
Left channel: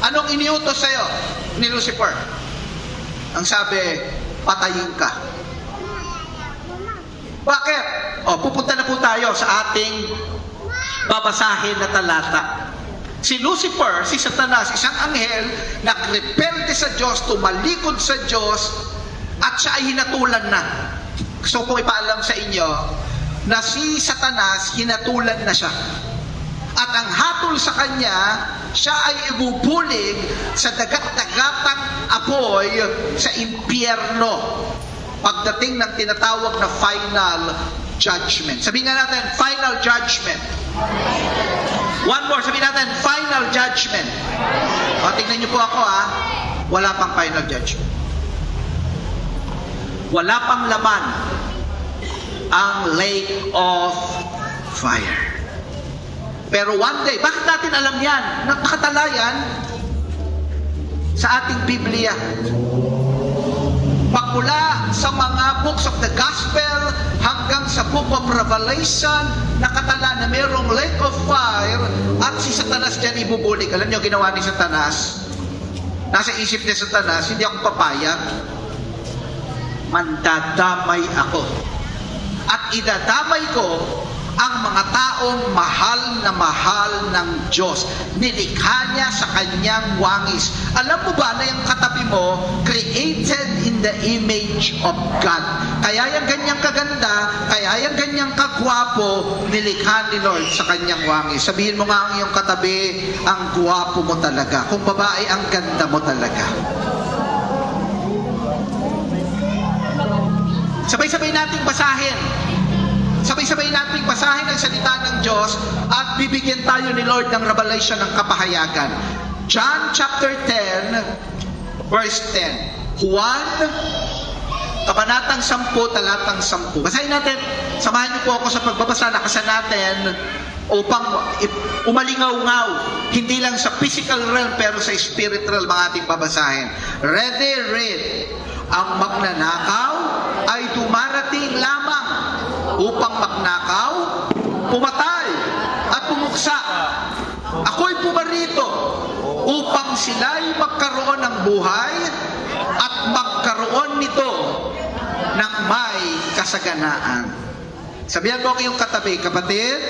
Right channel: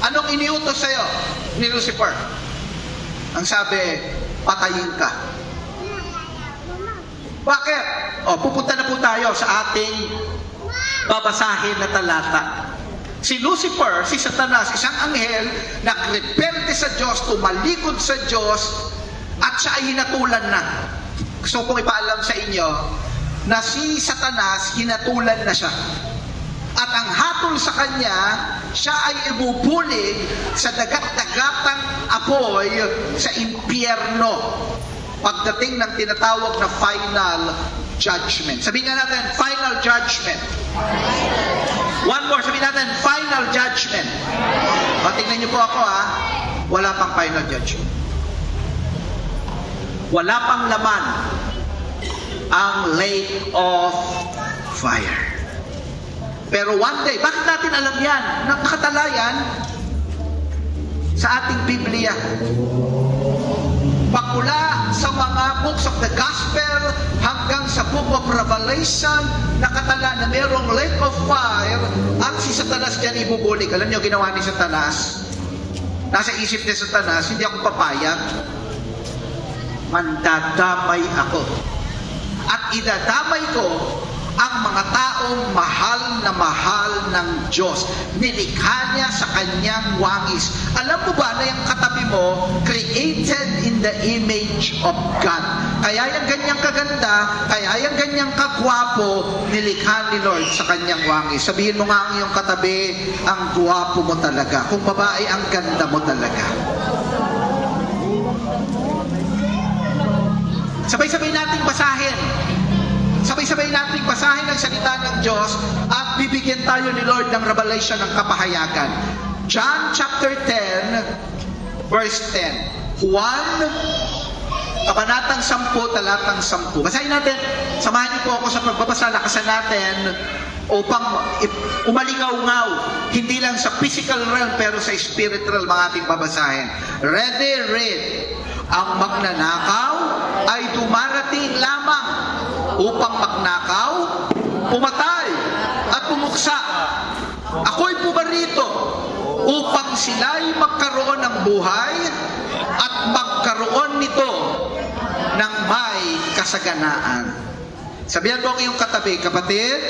anong iniutos sa'yo ni Lucifer? Ang sabi, patayin ka. Bakit? Pupunta na po tayo sa ating babasahin na talata. Si Lucifer, si Satanas, isang anghel, nagrebelde sa Diyos, tumalikod sa Diyos, at siya ay hinatulan na. Gusto kong ipaalam sa inyo na si Satanas, hinatulan na siya. At ang hatol sa kanya, siya ay ibubulig sa dagat-dagatang apoy sa impyerno. Pagdating ng tinatawag na final judgment. Sabihin na natin, final judgment. One more sabihin natin, final judgment. O, tingnan niyo po ako wala pang final judgment. Wala pang laman ang lake of fire. Pero one day, bakit natin alam yan? Nakatala yan sa ating Biblia. Pagmula sa mga books of the Gospel hanggang sa book of Revelation, nakatala na mayroong lake of fire at si Satanas dyan ibubulig. Alam niyo, ginawa ni Satanas. Nasa isip ni Satanas, hindi ako papayag. Mandadamay ako. At idadamay ko ang mga taong mahal ng Diyos. Nilikha niya sa kanyang wangis. Alam mo ba na yung katabi mo, created in the image of God. Kaya yung ganyang kaganda, kaya yung ganyang kagwapo, nilikha ni Lord sa kanyang wangis. Sabihin mo nga ang iyong katabi, ang gwapo mo talaga. Kung babae, ang ganda mo talaga. Sabay-sabay nating basahin. Sabay-sabay nating basahin ang salita ng Diyos at bibigyan tayo ni Lord ng revelation ng kapahayagan. John chapter 10, verse 10. Juan, kabanatang 10, talatang 10. Basahin natin. Samahan niyo po ako sa pagbabasa. Lakasan natin upang umalingaw-ngaw. Hindi lang sa physical realm pero sa spiritual mga ating babasahin. Ready, read. Ang magnanakaw ay dumarating lamang upang magnakaw, pumatay, at pumuksa. Ako'y pumarito upang sila'y magkaroon ng buhay at magkaroon nito ng may kasaganaan. Sabihan mo ang iyong katabi, kapatid.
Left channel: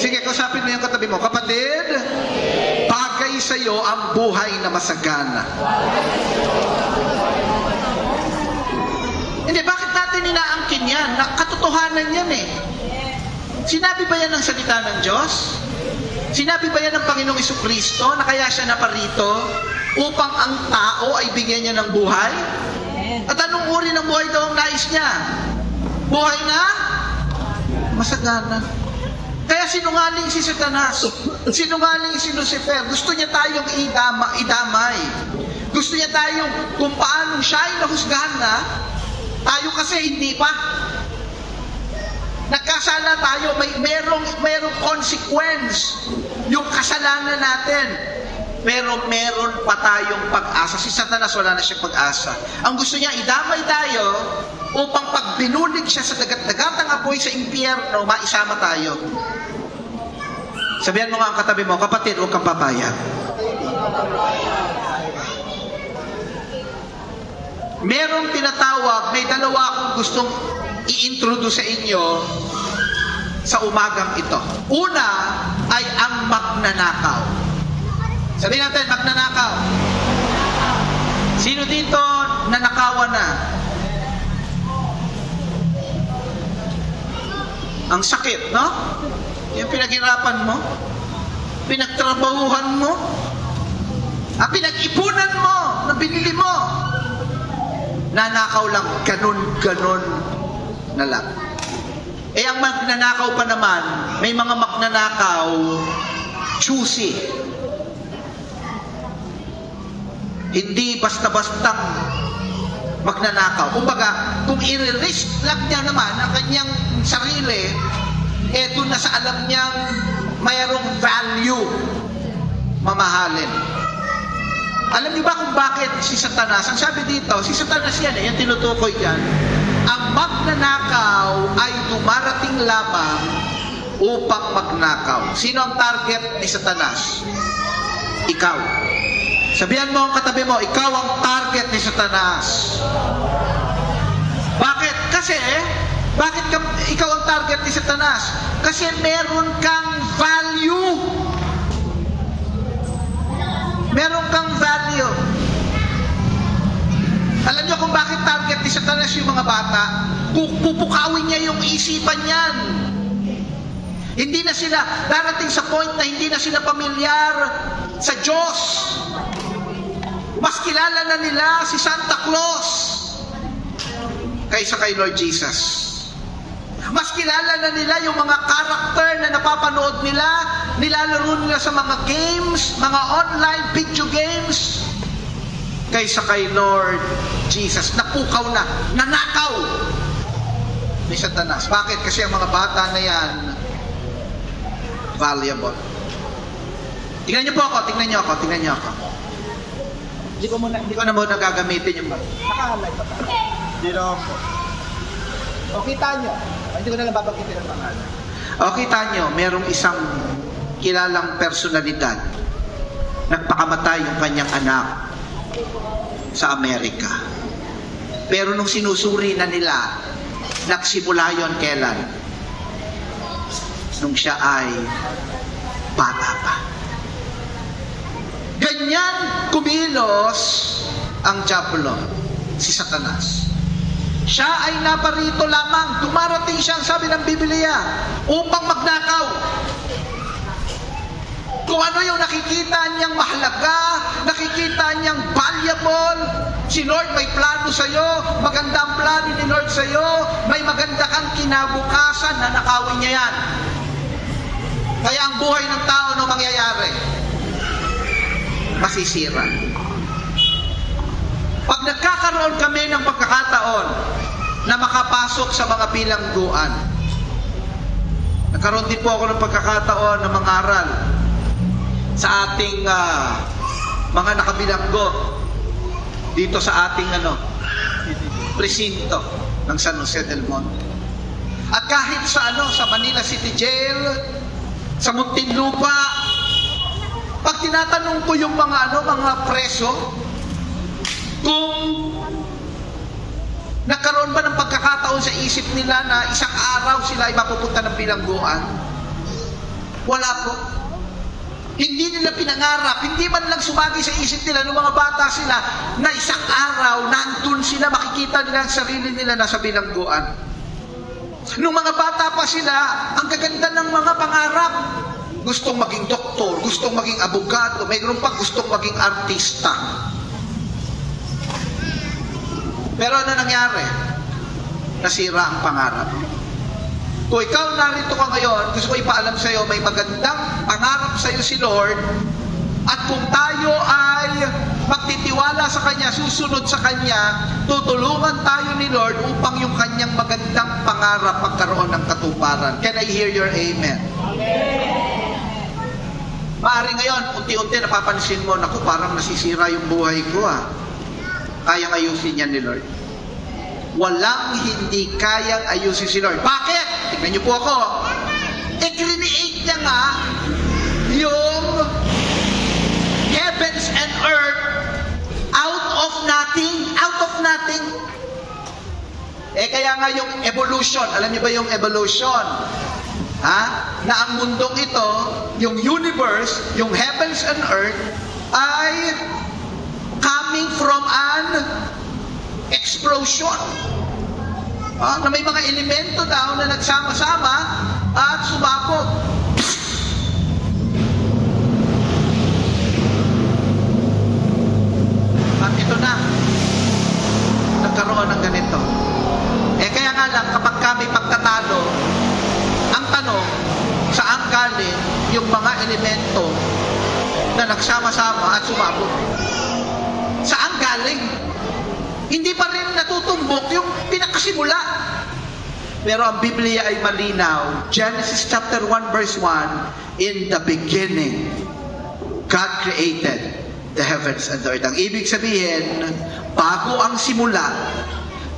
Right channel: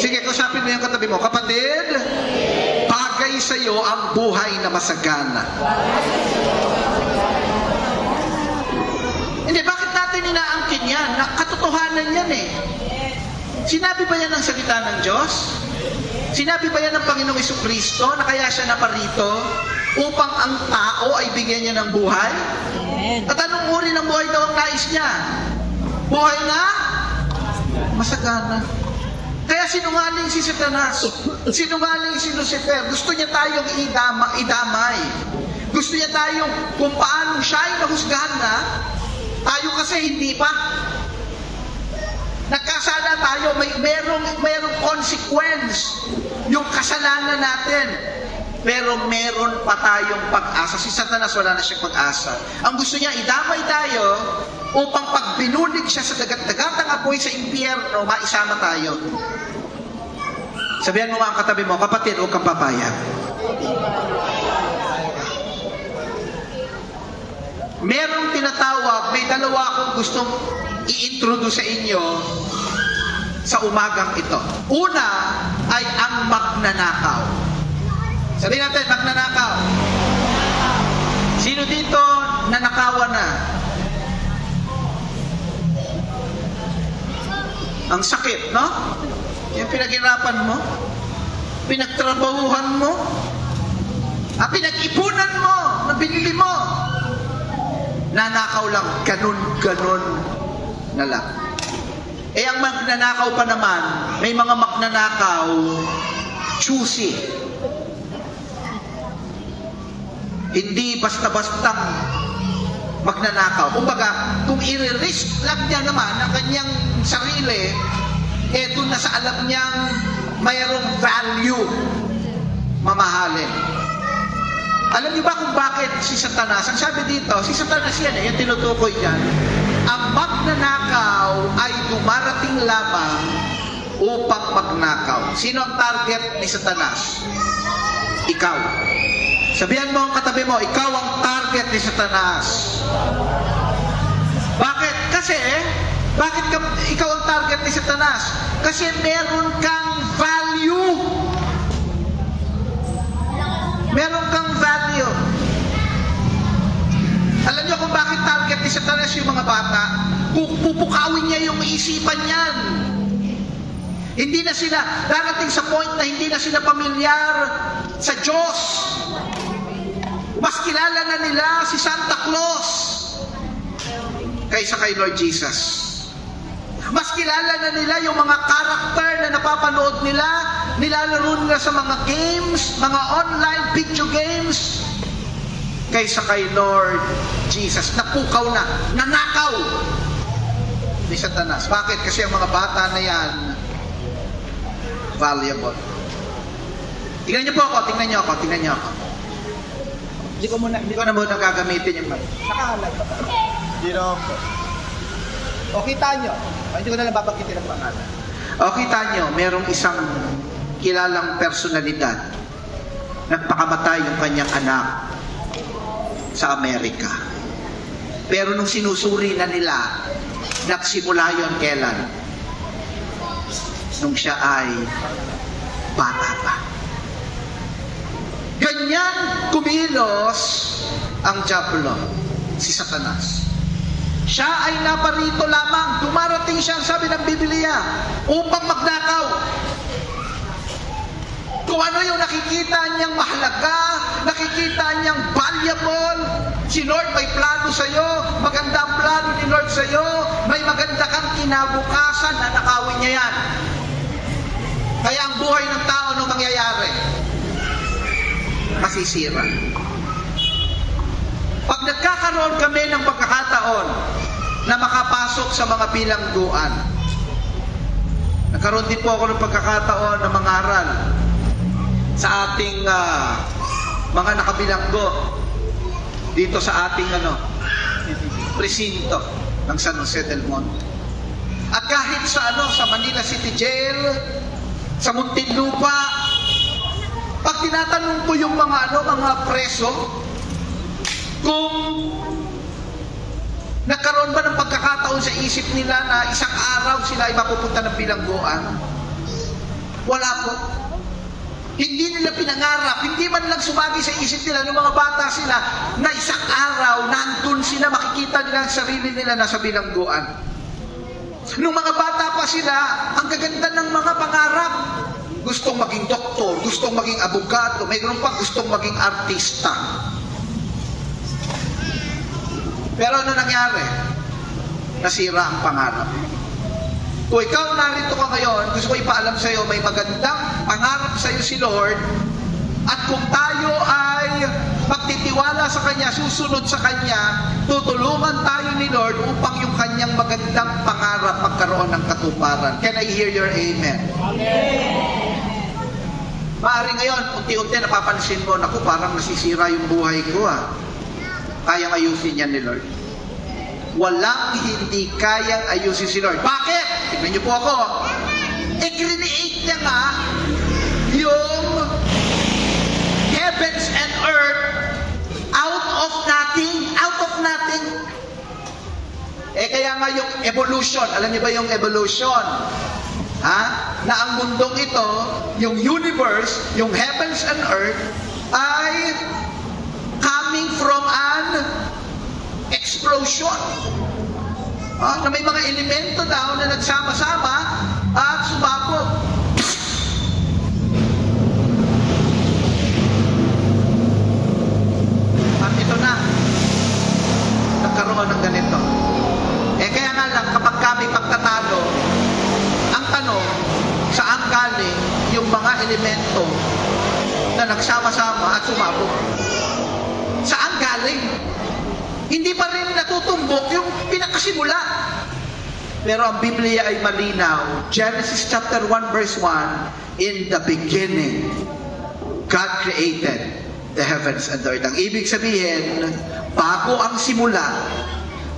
Sige, kausapin mo yung katabi mo. Kapatid, bagay sa iyo ang buhay na masagana. Hindi, bakit natin inaangkin yan? Katotohanan yan eh. Sinabi ba yan ng salita ng Diyos? Sinabi ba yan ng Panginoong Jesucristo na kaya siya naparito upang ang tao ay bigyan niya ng buhay? At anong uri ng buhay daw ang nais niya? Buhay na masagana. Kaya sinungaling si Satanas, sinungaling si Lucifer. Gusto niya tayong idamay. Gusto niya tayong kung paano siya ay mahusgahan na, tayo kasi hindi pa. Nagkasala tayo, merong consequence yung kasalanan natin. Pero meron pa tayong pag-asa. Si Satanas wala na siyang pag-asa. Ang gusto niya, idamay tayo upang pag binulig siya sa dagat-dagat ng apoy sa impyerno, maisama tayo. Sabihan mo nga ang katabi mo, kapatid, huwag kang papayag. Merong tinatawag, may dalawa akong gustong i-introduce sa inyo sa umagang ito. Una ay ang magnanakaw. Sabihin natin, magnanakaw. Sino dito nanakawan na? Ang sakit, no? Yung pinaghirapan mo, pinagtrabahuhan mo, pinag-ipunan mo, na binili mo. Nanakaw lang, ganun na lang. Eh ang magnanakaw pa naman, may mga magnanakaw, choosy. Hindi basta-bastang magnanakaw. Kumbaga, kung i-risk lang niya naman ang kanyang sarili, doon na sa alam niyang mayroong value, mamahalin. Alam niyo ba kung bakit si Satanas? Ang sabi dito, si Satanas yan, yung tinutukoy yan. Ang magnanakaw ay dumarating lamang upang magnakaw. Sino ang target ni Satanas? Ikaw. Sabihan mo ang katabi mo, ikaw ang target ni Satanas. Bakit? Kasi, bakit ikaw ang target ni Satanas? Kasi meron kang value. Meron kang value. Alam niyo kung bakit target ni Satanas yung mga bata? Pupukawin niya yung isipan niyan. Hindi na sila, darating sa point na hindi na sila pamilyar sa Diyos. Mas kilala na nila si Santa Claus kaysa kay Lord Jesus. Mas kilala na nila yung mga karakter na napapanood nila nilalaro nila sa mga games, mga online video games, kaysa kay Lord Jesus. Napukaw na, nanakaw ni Satanas. Bakit? Kasi ang mga bata na yan, valuable. Tingnan niyo po ako, tingnan niyo ako. Hindi ko na muna gagamitin yung mic. Nakahalay pa tayo. Hindi naman po. O kita nyo. Hindi ko na lang babanggitin ang pangalan. O kita nyo, merong isang kilalang personalidad. Nagpakamatay yung kanyang anak sa Amerika. Pero nung sinusuri na nila, nagsimula yun kailan? Nung siya ay bata pa. Ganyan kumilos ang diablo, si Satanas. Siya ay naparito lamang, dumarating siya, sabi ng Biblia, upang magnakaw. Kung ano yung nakikita niyang mahalaga, nakikita niyang valuable, si Lord may plano sa'yo, maganda ang plano ni Lord sa'yo, may maganda kang kinabukasan, nanakawin niya yan. Kaya ang buhay ng tao nung mangyayari, masisira. Pag nagkakaroon kami ng pagkakataon na makapasok sa mga bilangguan, nagkaroon din po ako ng pagkakataon na mangaral sa ating mga nakabilanggo dito sa ating presinto ng San Jose del Monte. At kahit sa sa Manila City Jail, sa Muntinlupa, pag tinatanong ko yung mga mga preso, kung nagkaroon ba ng pagkakataon sa isip nila na isang araw sila ay mapupunta ng bilangguan, wala po. Hindi nila pinangarap, hindi man lang sumagi sa isip nila ng mga bata sila na isang araw nandun sila, makikita nila ang sarili nila nasa bilangguan. Nung mga bata pa sila, ang gaganda ng mga pangarap. Gustong maging doktor, gustong maging abogado, mayroon pa gustong maging artista. Pero ano nangyari? Nasira ang pangarap. Kung ikaw narito ka ngayon, gusto ko ipaalam sa iyo, may magandang pangarap sa iyo si Lord, at kung tayo ay magtitiwala sa Kanya, susunod sa Kanya, tutulungan tayo ni Lord upang yung Kanyang magandang pangarap magkaroon ng katuparan. Can I hear your amen? Amen. Maaari ngayon, unti-unti napapansin mo, naku, parang nasisira yung buhay ko Kayang ayusin yan ni Lord. Walang hindi kayang ayusin si Lord. Bakit? Tignan niyo po ako. I-create niya nga yung heavens and earth out of nothing. Out of nothing. Kaya nga yung evolution. Alam niyo ba yung evolution? Na ang mundong ito, yung universe, yung heavens and earth, ay coming from an explosion. Na may mga elemento daw na nagsama-sama at sumabog. At ito na, nagkaroon ng ganito. Kaya nga lang, kapag kami pagtatalo, ang tanong, saan galing yung mga elemento na nagsama-sama at sumabog? Saan galing? Hindi pa rin natutumbok yung pinakasimula. Pero ang Biblia ay malinaw. Genesis chapter 1 verse 1, in the beginning, God created the heavens and the earth. Ang ibig sabihin, bago ang simula,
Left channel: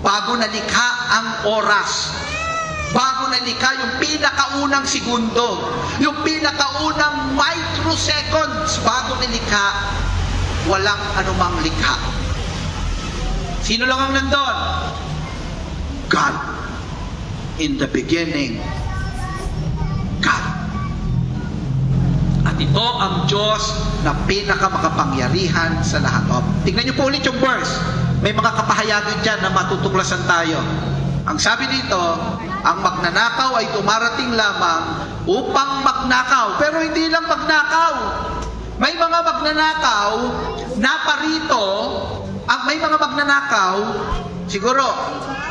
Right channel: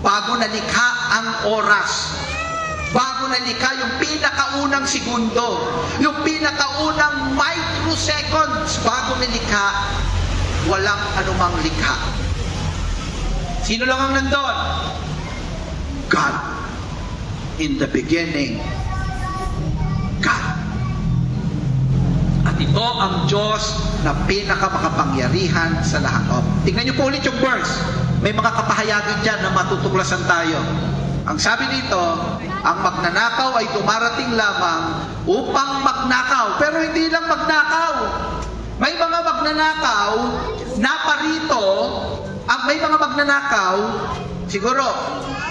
bago nalikha ang oras, bago nalikha yung pinakaunang segundo, yung pinakaunang microseconds, bago nalikha, walang anumang likha. Sino lang ang nandun? God. In the beginning, God. At ito ang Diyos na pinakamakapangyarihan sa lahat. Tingnan niyo po ulit yung verse. May mga kapahayagan dyan na matutuklasan tayo. Ang sabi dito, ang magnanakaw ay dumarating lamang upang magnakaw. Pero hindi lang magnakaw. May mga magnanakaw na parito, may mga magnanakaw, siguro,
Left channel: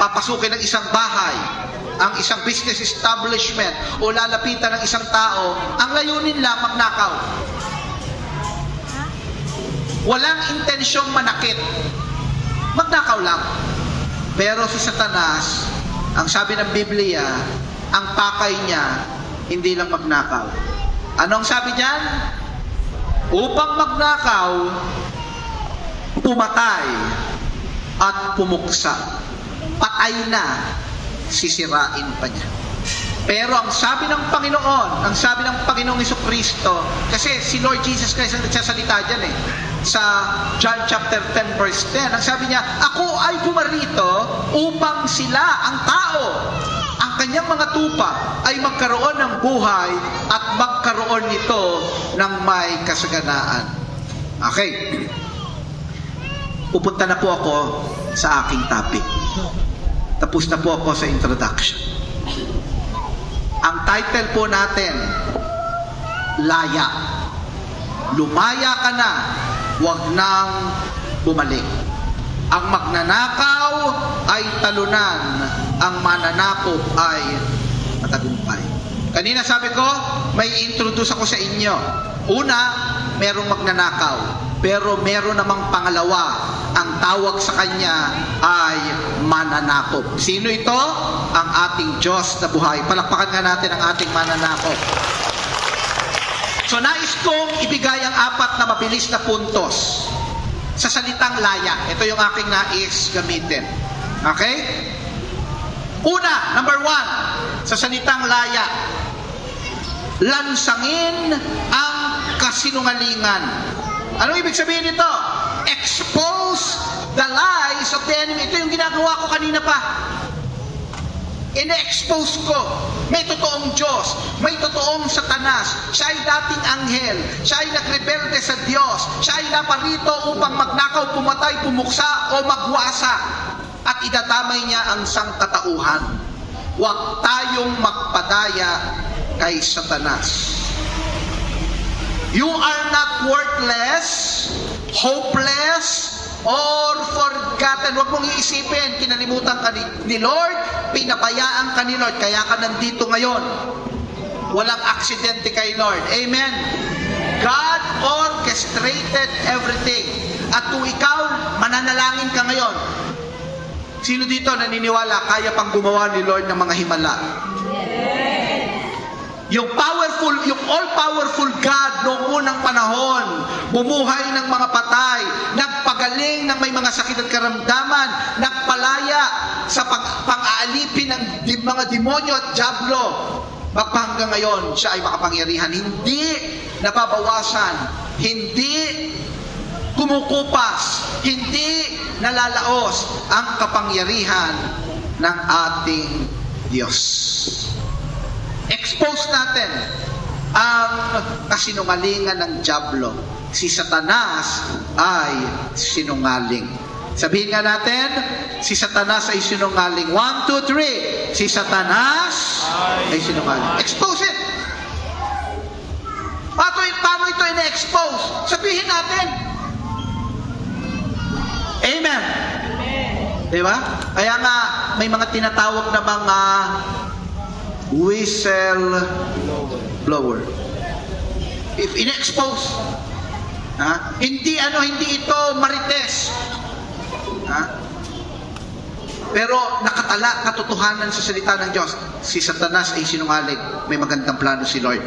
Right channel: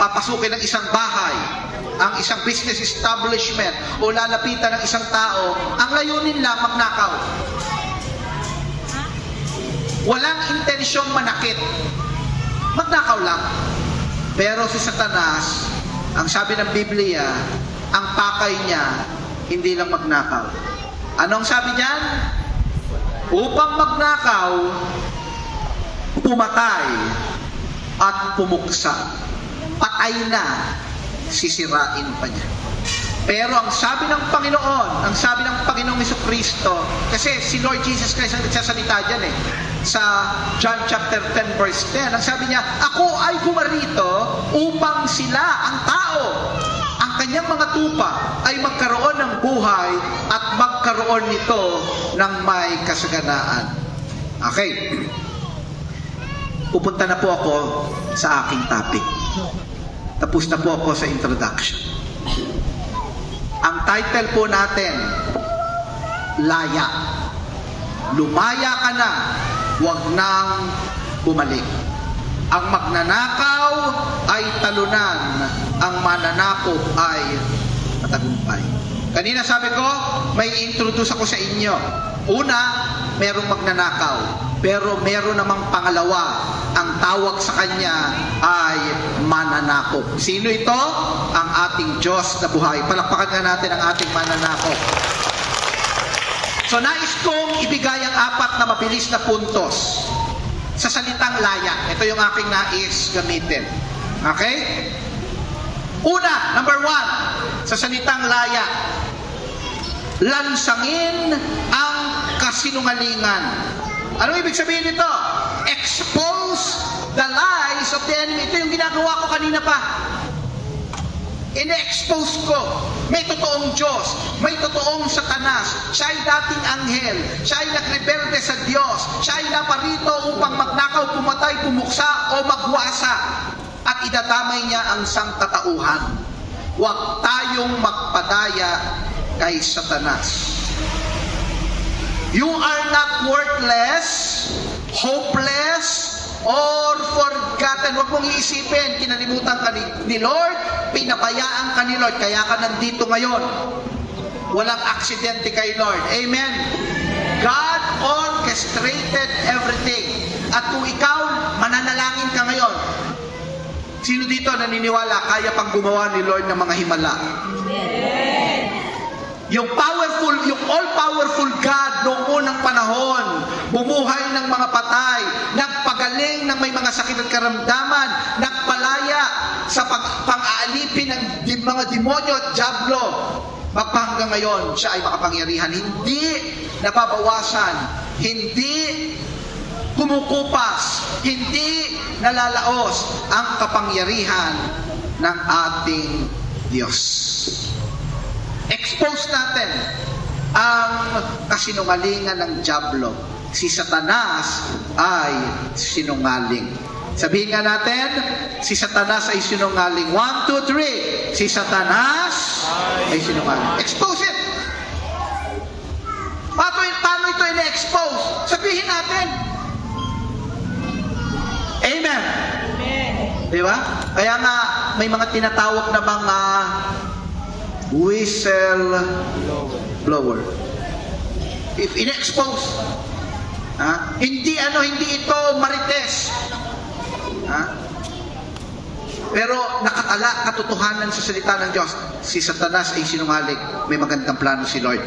papasukin ng isang bahay. ang isang business establishment o lalapitan ng isang tao, ang layunin lang magnakaw. Walang intensyong manakit. Magnakaw lang. Pero si Satanas, ang sabi ng Biblia, ang pakay niya, hindi lang magnakaw. Anong sabi niyan? Upang magnakaw, pumatay, at pumuksa. Patay na, sisirain pa niya. Pero ang sabi ng Panginoong Jesucristo, kasi si Lord Jesus Christ ang nagsasalita dyan sa John chapter 10 verse 10, ang sabi niya, ako ay pumarito upang sila, ang tao, ang kanyang mga tupa ay magkaroon ng buhay at magkaroon nito ng may kasaganaan. Okay. Pupunta na po ako sa aking topic. Tapos na po ako sa introduction. Ang title po natin, Laya. Lumaya ka na, huwag nang bumalik. Ang magnanakaw ay talunan, ang mananakop ay matagumpay. Kanina sabi ko, may introduce ako sa inyo. Una, merong magnanakaw. Pero meron namang pangalawa, ang tawag sa kanya ay mananakop. Sino ito? Ang ating Diyos na buhay. Palakpakan nga natin ang ating mananakop. So nais kong ibigay ang 4 na mabilis na puntos sa salitang laya. Ito yung aking nais gamitin. Okay? Una, number 1, sa salitang laya, lansangin ang kasinungalingan. Ano ibig sabihin nito? Expose the lies of the enemy. Ito yung ginagawa ko kanina pa. Ine-expose ko. May totoong Diyos. May totoong Satanas. Siya ay dating anghel. Siya ay nagrebelde sa Diyos. Siya ay naparito upang magnakaw, pumatay, pumuksa o magwasa. At idadamay niya ang sangkatauhan. Huwag tayong magpadaya kay Satanas. You are not worthless, hopeless, or forgotten. Huwag mong iisipin, kinalimutan ka ni Lord, pinapayaan ka ni Lord, kaya ka nandito ngayon. Walang aksidente kay Lord. Amen. God orchestrated everything. At kung ikaw, mananalangin ka ngayon, sino dito naniniwala, kaya pang gumawa ni Lord ng mga himala? Yung powerful, yung all-powerful God noong unang panahon, bumuhay ng mga patay, nagpagaling ng may mga sakit at karamdaman, nagpalaya sa pang-aalipin ng mga demonyo at diablo. Hanggang ngayon, siya ay makapangyarihan. Hindi nababawasan, hindi kumukupas, hindi nalalaos ang kapangyarihan ng ating Diyos. Expose natin ang kasinungalingan ng diablo. Si Satanas ay sinungaling. Sabihin nga natin, si Satanas ay sinungaling. 1, 2, 3. Si Satanas ay sinungaling. Expose it. Paano ito ina-expose? Sabihin natin. Amen. Diba? Kaya nga, may mga tinatawag na mga whistle blower. If in-expose, hindi ito marites. Pero nakatala katotohanan sa salita ng Diyos. Si Satanas ay sinungaling. May magandang plano si Lord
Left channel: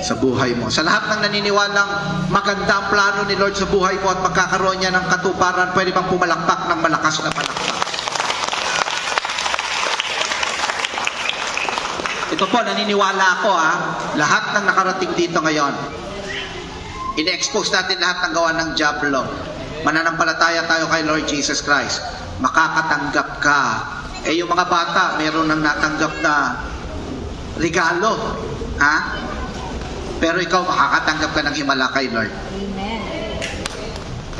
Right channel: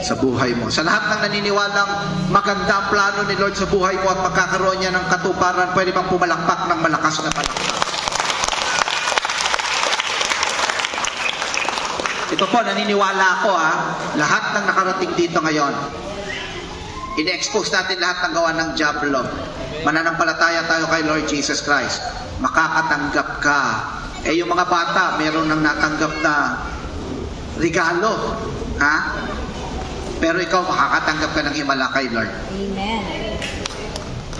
sa buhay mo. Sa lahat ng naniniwalang maganda ang plano ni Lord sa buhay mo at magkakaroon niya ng katuparan, pwede bang pumalakpak ng malakas na palakpak? Ito po, naniniwala ako lahat ng nakarating dito ngayon, ine-expose natin lahat ng gawa ng diablo. Mananampalataya tayo kay Lord Jesus Christ. Makakatanggap ka. Yung mga bata, meron nang natanggap na regalo. Pero ikaw, makakatanggap ka ng himala kay Lord. Amen?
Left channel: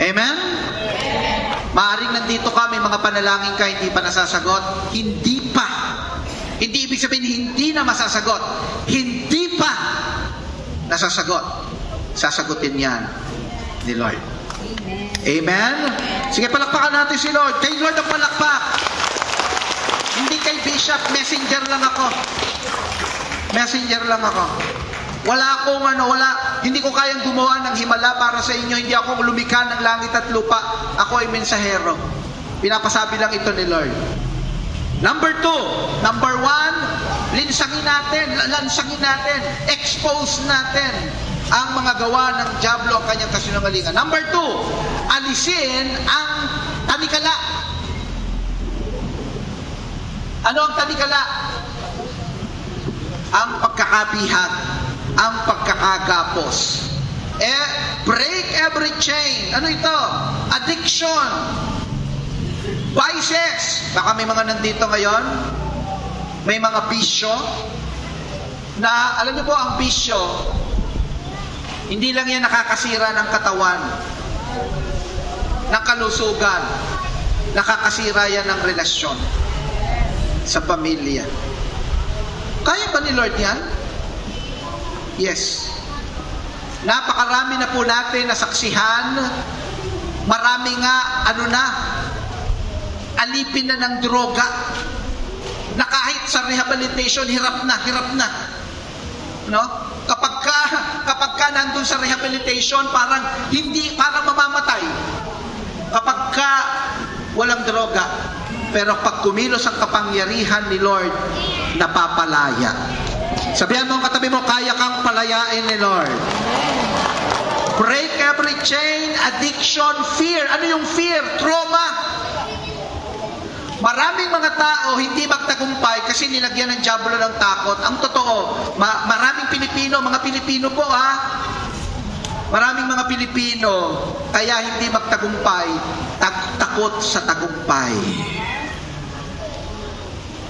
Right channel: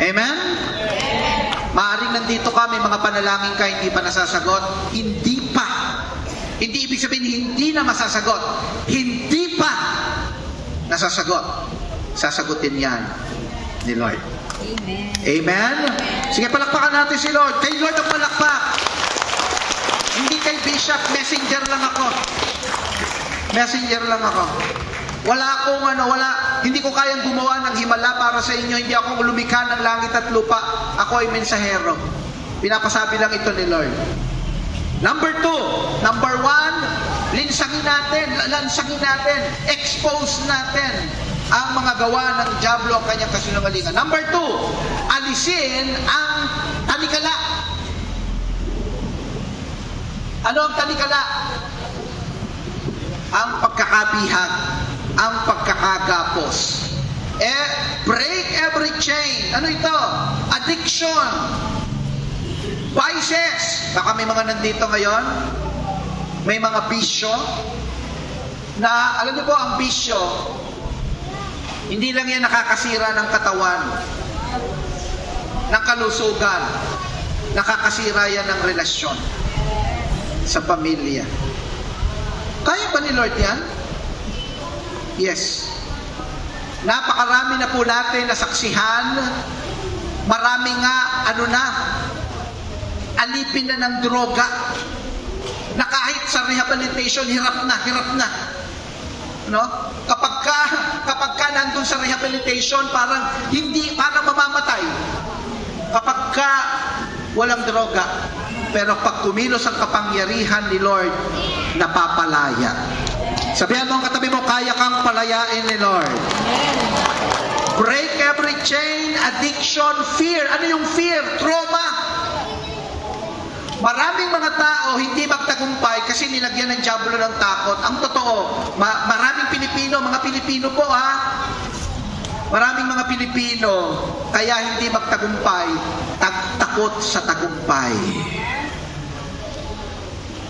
Amen? Maaaring nandito ka, may mga panalangin ka, hindi pa nasasagot. Hindi pa. Hindi ibig sabihin, hindi na masasagot. Hindi pa nasasagot. Sasagutin yan ni Lord. Amen. Amen? Sige, palakpakan natin si Lord. Kay Lord ang palakpak. Hindi kay Bishop, messenger lang ako. Messenger lang ako. Wala akong hindi ko kayang gumawa ng himala para sa inyo. Hindi ako lumikha ng langit at lupa. Ako ay mensahero. Pinapasabi lang ito ni Lord. Number 1, lansangin natin, expose natin ang mga gawa ng dyablo, ang kanyang kasinungalingan. Number 2, alisin ang tanikala. Ano ang tanikala? Ang pagkakapihan, ang pagkakagapos. Break every chain. Ano ito? Addiction. Vices. Baka may mga nandito ngayon, may mga bisyo na, alam niyo po, ang bisyo, hindi lang yan nakakasira ng katawan, ng kalusugan, nakakasira yan ng relasyon sa pamilya. Kaya ba ni Lord yan? Yes. Napakarami na po natin nasaksihan. Marami nga, alipin na ng droga, na kahit sa rehabilitation, hirap na. No? Kapag ka nandun sa rehabilitation, parang mamamatay. Kapag ka walang droga. Pero pag kumilos ang kapangyarihan ni Lord, napapalaya. Sabihan mo ang katabi mo, kaya kang palayain ni Lord. Break every chain, addiction, fear. Ano yung fear? Trauma. Maraming mga tao hindi magtagumpay kasi nilagyan ng dyablo ng takot. Ang totoo, maraming Pilipino, mga Pilipino po maraming mga Pilipino kaya hindi magtagumpay, takot sa tagumpay.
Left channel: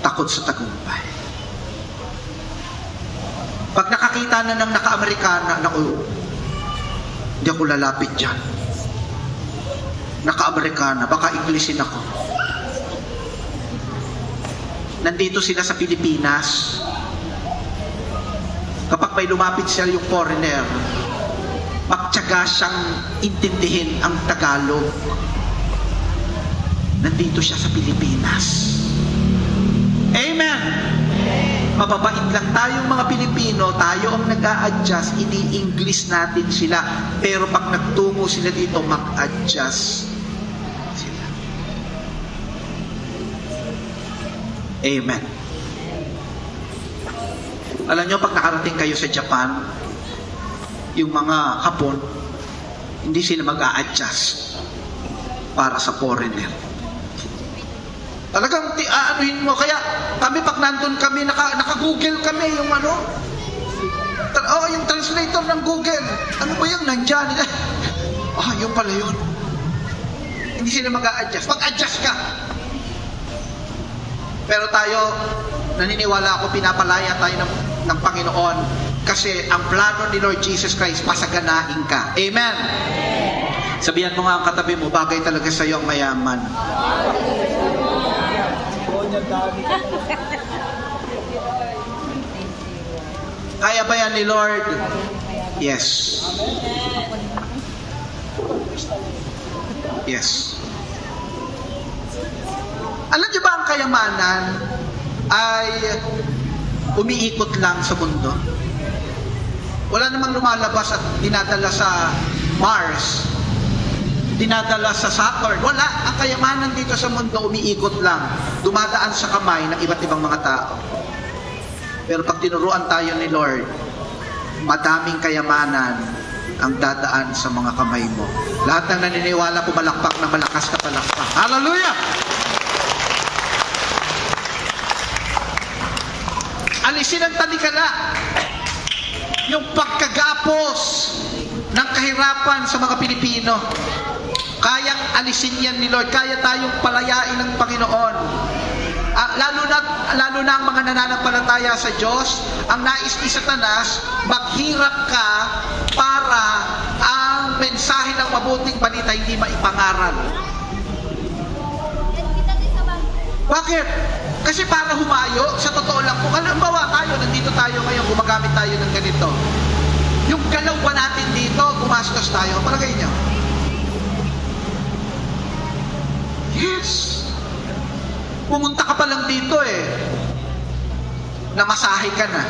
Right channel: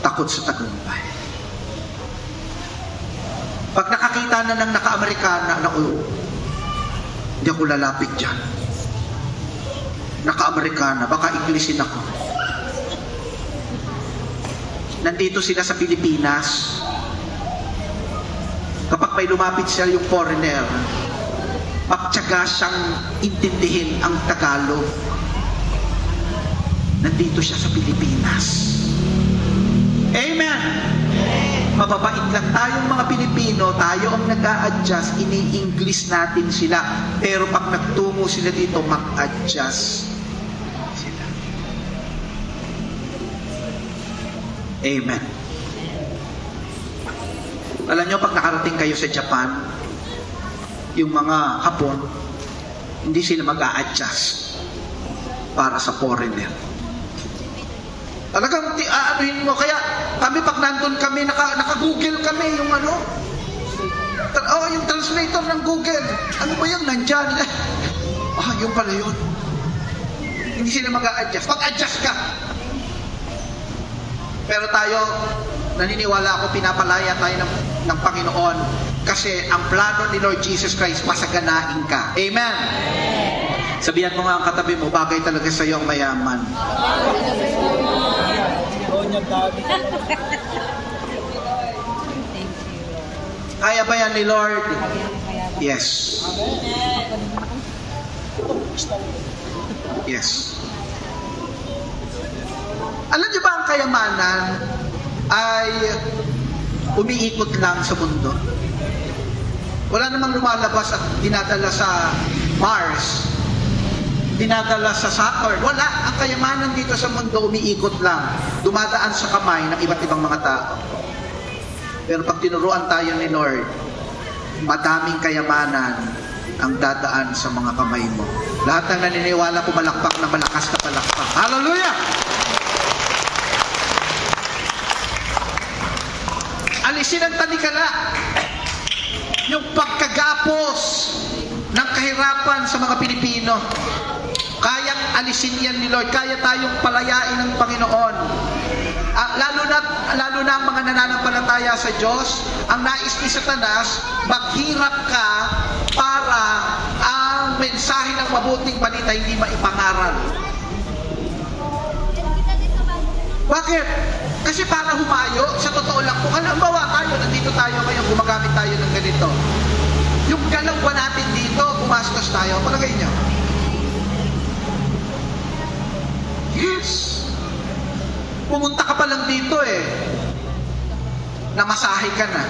Takot sa tagumpay. Pag nakakita na ng naka-Amerikana, hindi ako lalapit dyan. Naka-Amerikana, baka Inglesin ako. Nandito sila sa Pilipinas. Kapag may lumapit siya yung foreigner, magtiyaga siyang intindihin ang Tagalog. Nandito siya sa Pilipinas. Amen! Mababait lang tayong mga Pilipino, tayo ang nag-a-adjust, ini-English natin sila. Pero pag nagtungo sila dito, mag-adjust. Amen. Alam nyo, pag nakarating kayo sa Japan, yung mga Hapon, hindi sila mag-a-adjust para sa foreigner. Talagang aanuhin mo. Kaya kami, pag nandun kami, naka-Google kami yung yung translator ng Google. Ano ba yan? Nandyan. Yung pala yun. Hindi sila mag-a-adjust. Pag-adjust ka. Pero tayo, naniniwala ako, pinapalaya tayo ng Panginoon kasi ang plano ni Lord Jesus Christ, pasaganain ka. Amen? Sabihan mo nga ang katabi mo, bagay talaga sa iyo ang mayaman. Kaya ba yan ni Lord? Yes. Yes. Alam niyo ba ang kayamanan ay umiikot lang sa mundo? Wala namang lumalabas at dinadala sa Mars, dinadala sa Saturn. Wala. Ang kayamanan dito sa mundo umiikot lang. Dumadaan sa kamay ng iba't ibang mga tao. Pero pag tinuruan tayo ni Lord, madaming kayamanan ang dadaan sa mga kamay mo. Lahat ng naniniwala ko malakpak na malakas na palakpak. Hallelujah! Alisin ang tanikala, yung pagkagapos ng kahirapan sa mga Pilipino. Kayang alisin yan ni Lord. Kaya tayong palayain ng Panginoon. Lalo na ang mga nananampalataya sa Diyos, ang nais ni Satanas, maghirap ka para ang mensahe ng mabuting balita hindi maipangaral. Bakit? Kasi para humayo, sa totoo lang, kung halimbawa tayo, nandito tayo ngayon, gumagamit tayo ng ganito. Yung galaw ba natin dito, gumastos tayo, palagay niya. Yes. pumunta ka pa lang dito namasahe ka na,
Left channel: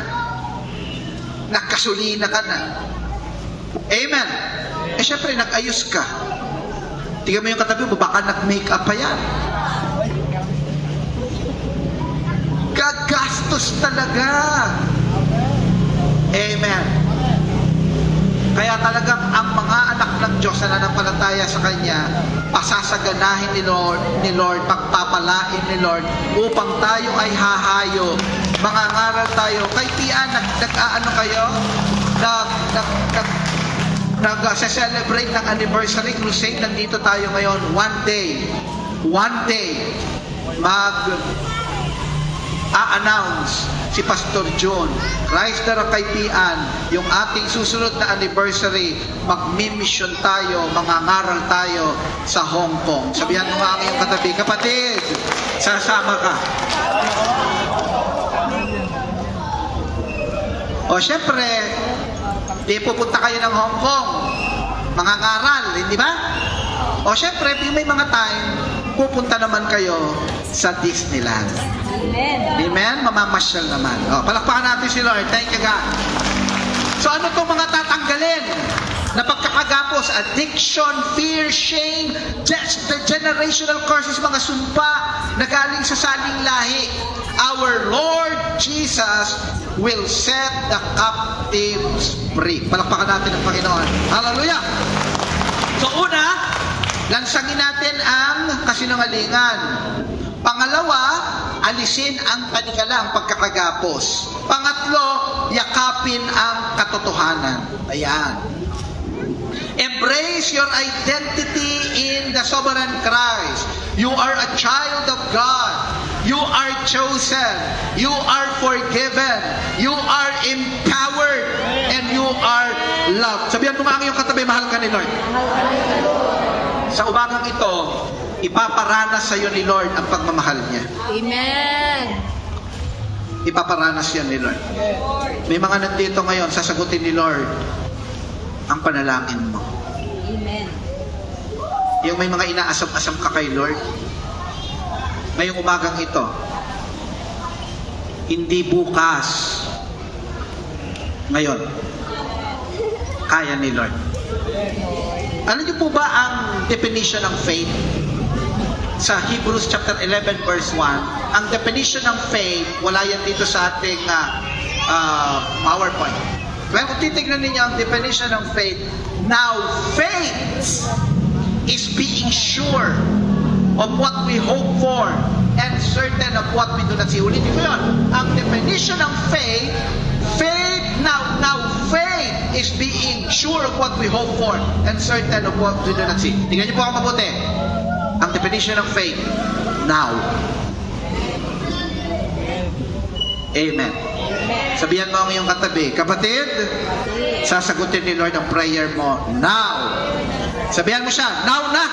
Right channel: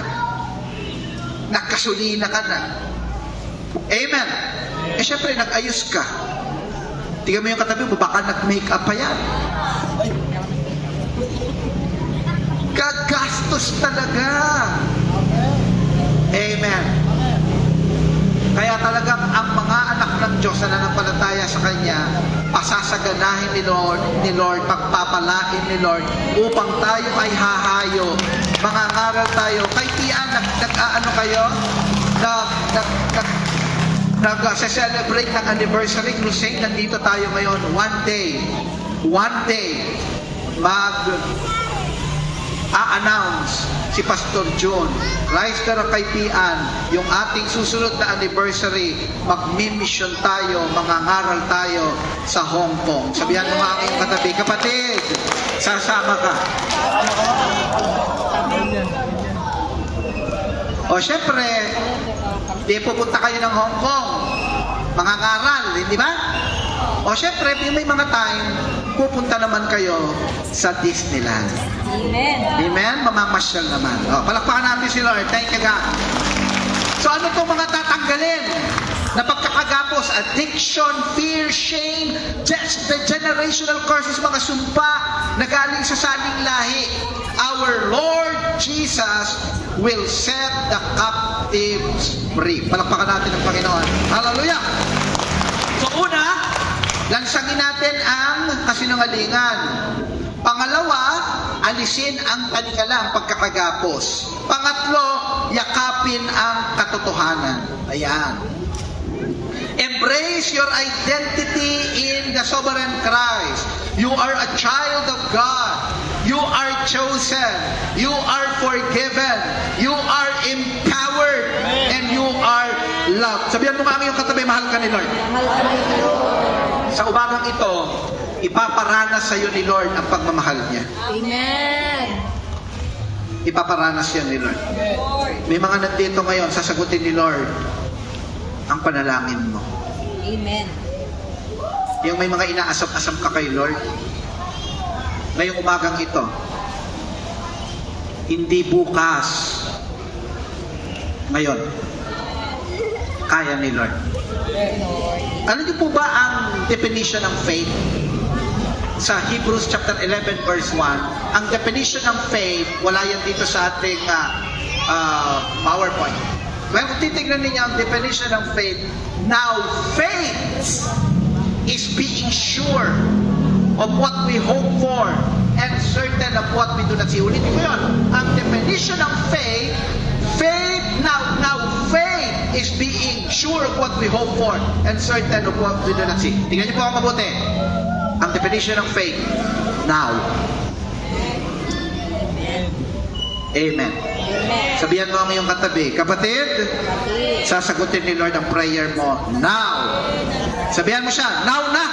nagkasulina ka na. Amen. Syempre, nag-ayos ka. Tingnan mo yung katabi mo, baka nag-makeup pa yan. Gagastos talaga. Amen. Kaya talagang ang mga anak ng Diyos na nanampalataya sa Kanya, pasasaganahin ni Lord, pagpapalain ni Lord, upang tayo ay hahayo, mangangaral tayo. Kay Tian, nag-ano kayo? Nag-celebrate ng anniversary crusade. Nandito tayo ngayon. One day, a-announce si Pastor John, Rise the Kaipian, yung ating susunod na anniversary, magmi-mission tayo, mangangaral tayo sa Hong Kong. Sabihan mo nga aking katabi, kapatid, sasama ka. O syempre, di pupunta kayo ng Hong Kong, mangangaral, hindi ba? O syempre, may mga time, pupunta naman kayo sa Disneyland. Amen. Amen? Mamamasyal naman. O, palakpakan natin si Lord. Thank you, God. So ano itong mga tatanggalin? Na pagkakagapos, addiction, fear, shame, just the generational curses, mga sumpa na galing sa saling lahi. Our Lord Jesus will set the captives free. Palakpakan natin ang Panginoon. Hallelujah! So una, lansangin natin ang kasinungalingan. Pangalawa, alisin ang panikalang pagkakagapos. Pangatlo, yakapin ang katotohanan. Ayan. Embrace your identity in the sovereign Christ. You are a child of God. You are chosen. You are forgiven. You are empowered. And you are loved. Sabihan mo mga yung katabi, mahal ka ni Lord. Sa umagang ito, ipaparanas sa iyo ni Lord ang pagmamahal niya. Amen. Ipaparanas yan ni Lord. May mga nandito ngayon, sasagutin ni Lord ang panalangin mo. Amen. Yung may mga inaasam-asam ka kay Lord, ngayong umagang ito, hindi bukas, ngayon, kaya ni Lord. Ano niyo po ba ang definition ng faith? Sa Hebrews chapter 11 verse 1, ang definition ng faith, wala yan dito sa ating PowerPoint. Pero kung titignan ninyo ang definition ng faith, now faith is being sure of what we hope for and certain of what we do not see. Ulitin ko yun. Ang definition ng faith, now faith is being sure of what we hope for and certain of what we do not see. Tingnan niyo po ako mabuti. Ang definition of faith, now. Amen. Sabihan mo ang iyong katabi, kapatid, sasagutin ni Lord ang prayer mo now. Sabihan mo siya, now na.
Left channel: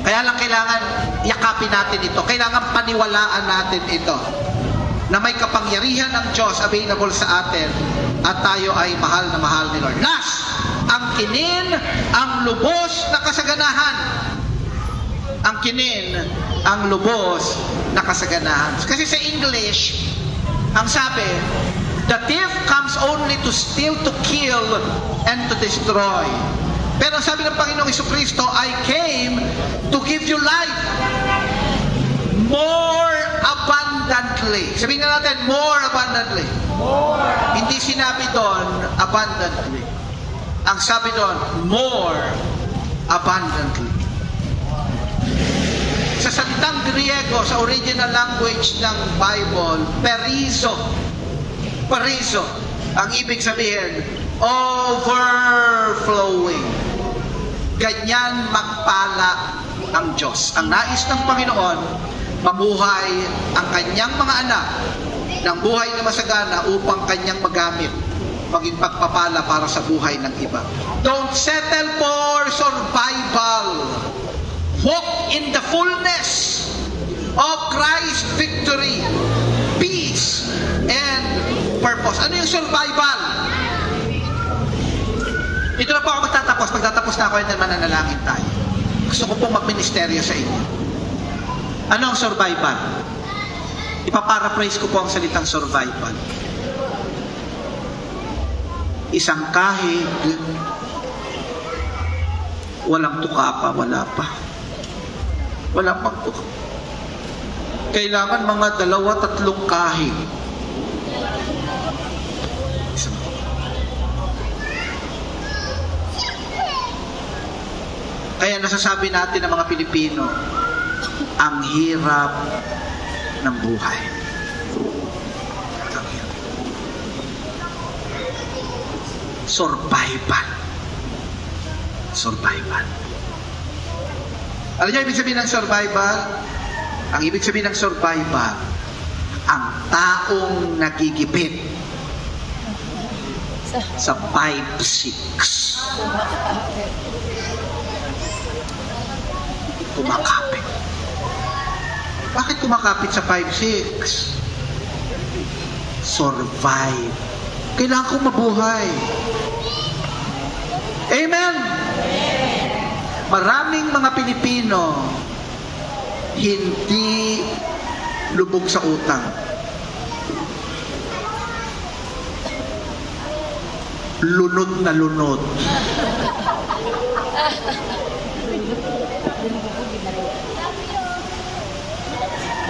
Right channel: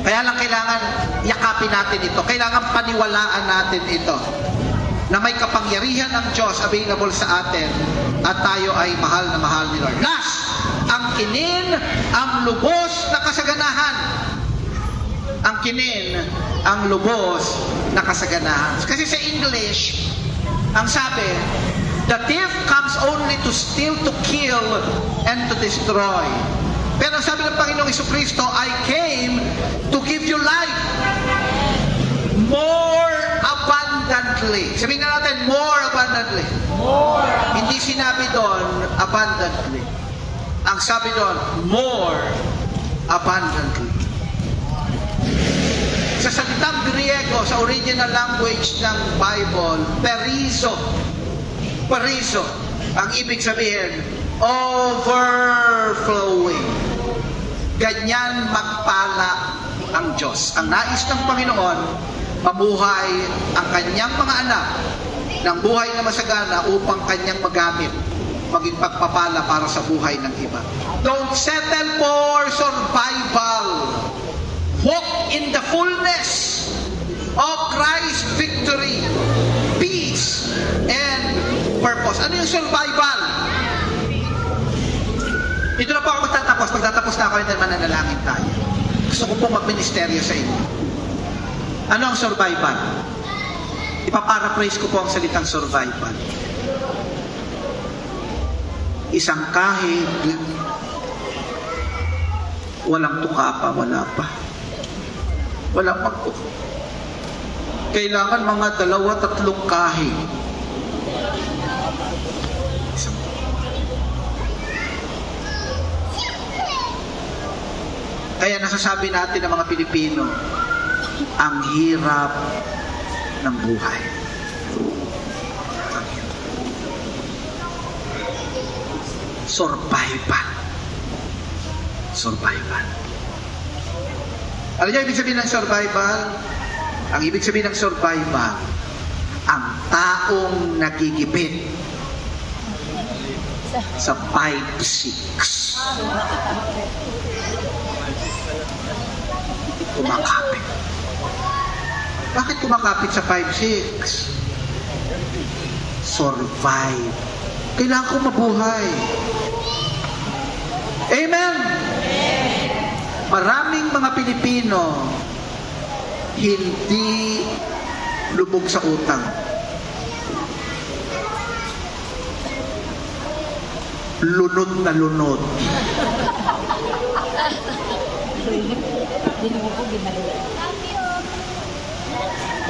Kaya lang kailangan yakapin natin ito. Kailangan paniwalaan natin ito. Na may kapangyarihan ng Diyos available sa atin at tayo ay mahal na mahal ni Lord. Last, ang kinin, ang lubos na kasaganahan. Ang kinin, ang lubos na kasaganahan. Kasi sa English, ang sabi, the thief comes only to steal, to kill, and to destroy. Pero sabi ng Panginoong Jesucristo, I came to give you life more abundantly. Sabihin na natin, more abundantly. Hindi sinabi doon, abundantly. Ang sabi doon, more abundantly. Sa salitang Griego, sa original language ng Bible, perizo. Perizo. Ang ibig sabihin, overflowing. Ganyan magpala ang Diyos. Ang nais ng Panginoon, mamuhay ang kanyang mga anak ng buhay na masagana upang kanyang magamit maging pagpapala para sa buhay ng iba. Don't settle for survival. Walk in the fullness of Christ's victory, peace, and purpose. Ano yung survival? Ito na po ako magtatapos. Pagtatapos na ako, yung mananalangin tayo. Gusto ko pong magministeryo sa inyo. Ano ang survival? Ipaparaphrase ko po ang salitang survival. Isang kahig, walang tuka pa, wala pa. Wala pang tuka. Kailangan mga 2-3 kahig. Kaya nasasabi natin ng mga Pilipino, ang hirap ng buhay. Survival. Survival. Alam niyo ibig sabihin ng survival? Ang ibig sabihin ng survival, ang taong nagigipit sa 5-6. Kumakapit. Bakit kumakapit sa 5-6? Survive. Kailangan ko mabuhay. Amen? Maraming mga Pilipino hindi lubog sa utang. Lunod na lunod.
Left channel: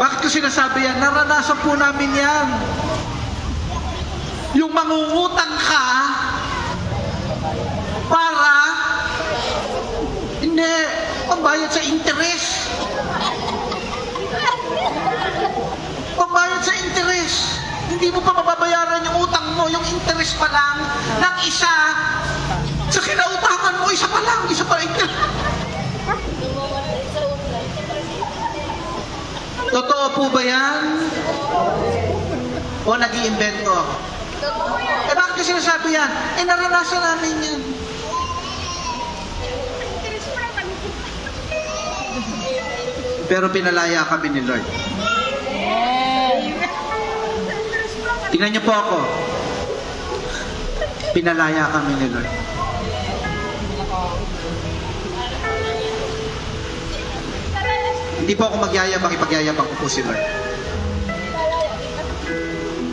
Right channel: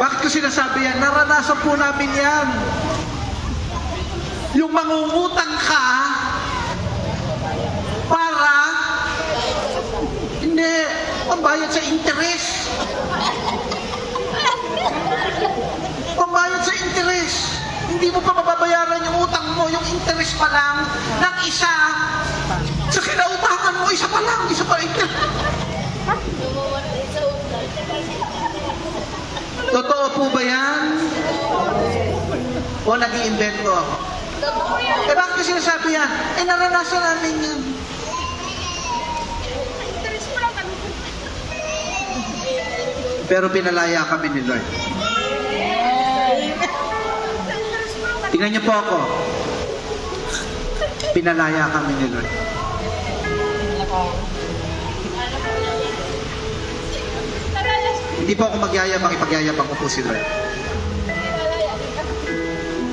Bakit ko sinasabi yan? Naranasan po namin yan. Yung mangungutang ka para hindi pambayad sa interest. Pambayad sa interest. Hindi mo pa mababayaran yung utang mo, yung interest pa lang ng isa. Sa kinautangan mo, isa pa lang, isa pa interest. Totoo po ba yan? O nag-iimbento? Eh bakit ko sinasabi yan? Eh naranasan namin yan. Pero pinalaya kami ni Lord. Tingnan niyo po ako. Pinalaya kami ni Lord. Hindi po ako magyayabang, ipagyayabang ko po si Lord.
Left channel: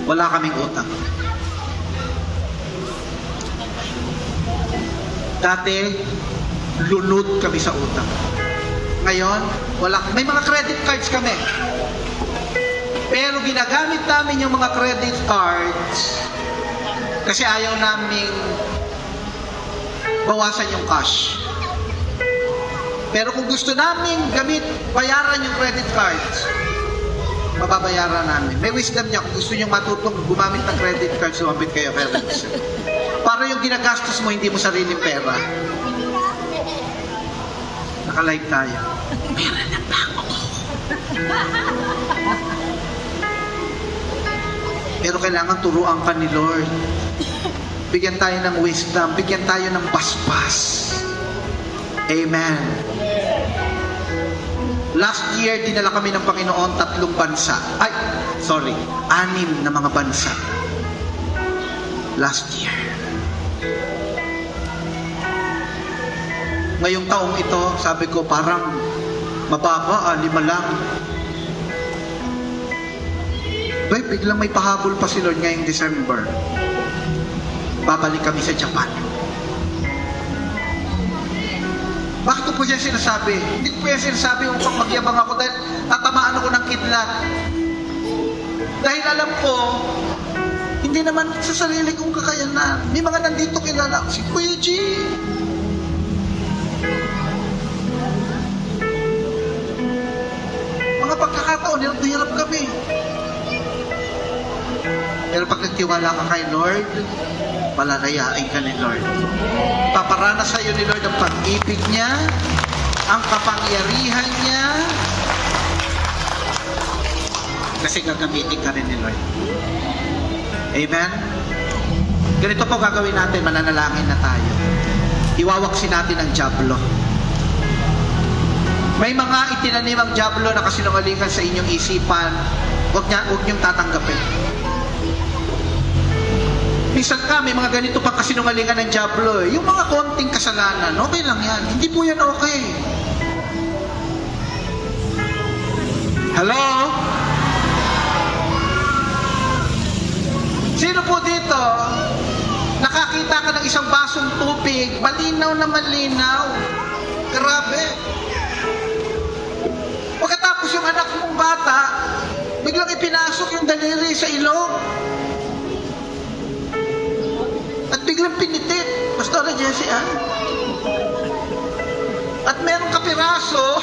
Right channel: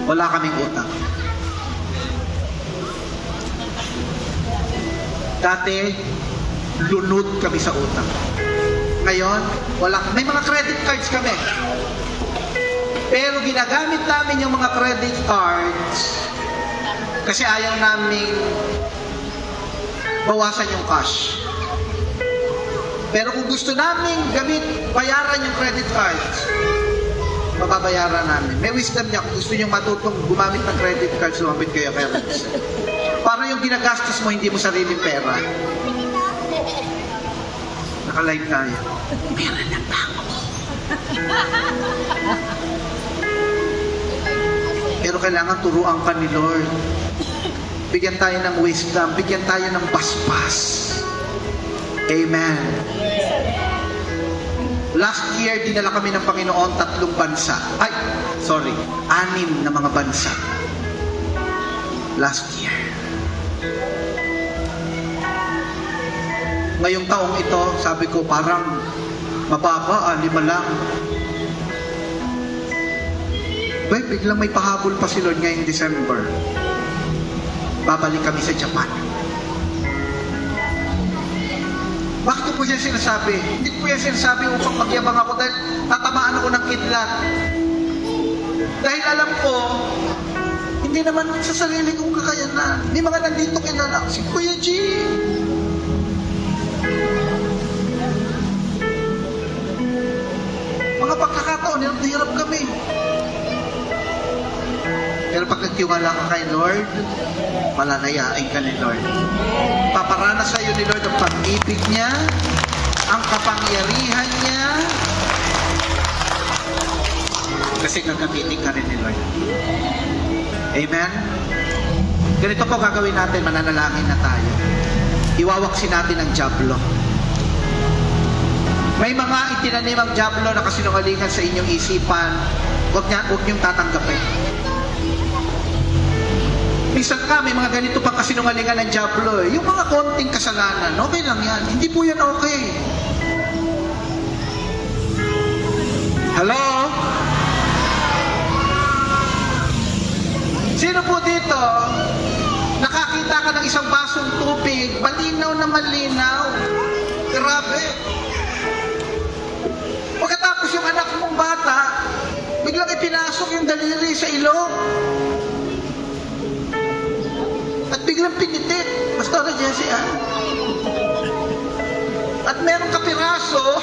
Wala kaming utang. Dati, lunod kami sa utang. Ngayon, wala. May mga credit cards kami. Pero ginagamit namin yung mga credit cards kasi ayaw namin bawasan yung cash. Pero kung gusto namin bayaran yung credit cards, mababayaran namin. May wisdom niya kung gusto nyo matutong gumamit ng credit cards, lumapit kayo parents. Para yung ginagastos mo, hindi mo sariling pera. Naka-live tayo. Meron na ako. Pero kailangan turuan ka ni Lord. Bigyan tayo ng wisdom. Bigyan tayo ng basbas. Amen. Last year, dinala kami ng Panginoon 3 bansa. 6 na mga bansa. Last year. Ngayong taong ito, sabi ko, parang mababa, 5 lang. Biglang may pahabol pa si Lord ngayong December. Babalik kami sa Japan. Bakit ko po yan sinasabi? Hindi ko yan sinasabi upang magyabang ako dahil tatamaan ako ng kidlat. Dahil alam ko, hindi naman sa sarili kong kakayanan. May mga nandito kilala. Si Kuya G. Mga pagkakataon, hirap kami. Pero pag nagtiwala ka kay Lord, palalayain ka ni Lord. Paparanas sa iyo ni Lord ang pag-ibig niya, ang kapangyarihan niya, kasi gagamitin ka rin ni Lord. Amen? Ganito po gagawin natin, mananalangin na tayo. Iwawaksin natin ang diablo. May mga itinanim ang diablo na kasinungalingan sa inyong isipan, huwag niyong tatanggapin. Minsan ka, may mga ganito pang kasinungalingan ng diablo. Yung mga konting kasalanan, okay lang yan. Hindi po yan okay. Hello? Sino po dito, nakakita ka ng isang basong tubig, malinaw na malinaw? Grabe. Pagkatapos yung anak mong bata, biglang ipinasok yung daliri sa ilong. At biglang pinitit. Pastora Jessie, At meron kapiraso,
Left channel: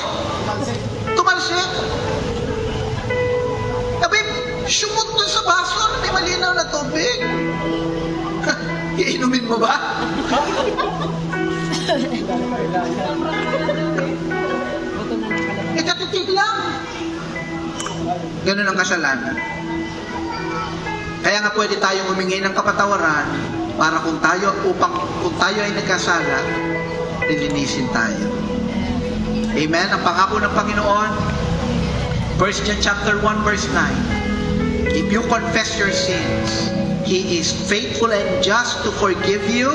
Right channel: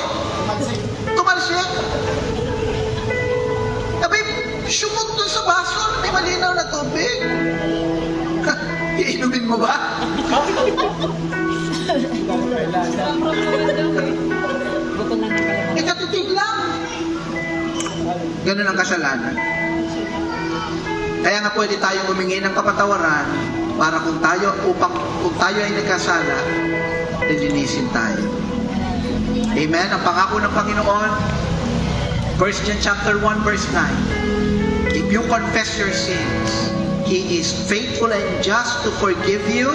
tumalsik. Sabi, sumot dun sa baso, hindi malinaw na tubig. Iinumin mo ba? Ikatitig lang. Ganun ang kasalanan. Kaya nga pwede tayong humingi ng kapatawaran para kung tayo ay nagkasala, lilinisin tayo. Amen? Ang pangako ng Panginoon, 1 John chapter 1 verse 9. If you confess your sins, He is faithful and just to forgive you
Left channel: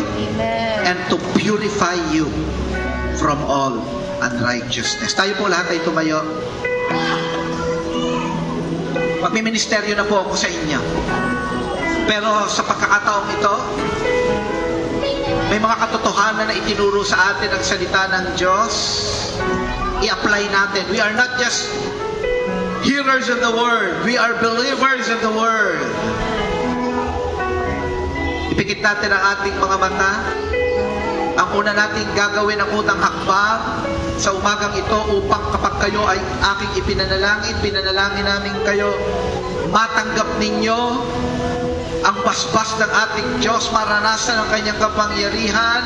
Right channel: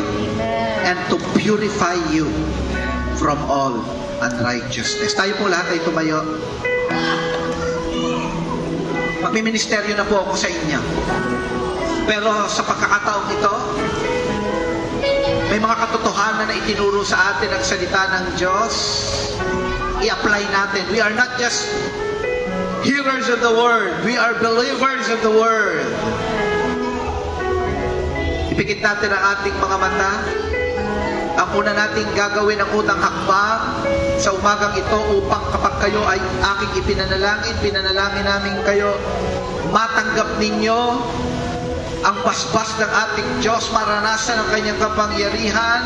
and to purify you from all unrighteousness. Tayo po lahat ay tumayo. Magmiministeryo na po ako sa inyo. Pero sa pagkakataong ito, may mga katotohanan na itinuro sa atin ang salita ng Diyos. I-apply natin. We are not just hearers of the Word. We are believers of the Word. Ipikit natin ang ating mga mata. Ang una nating gagawin ang unang hakbang sa umagang ito upang kapag kayo ay aking pinanalangin namin kayo, matanggap ninyo ang basbas ng ating Diyos, maranasan ang kanyang kapangyarihan,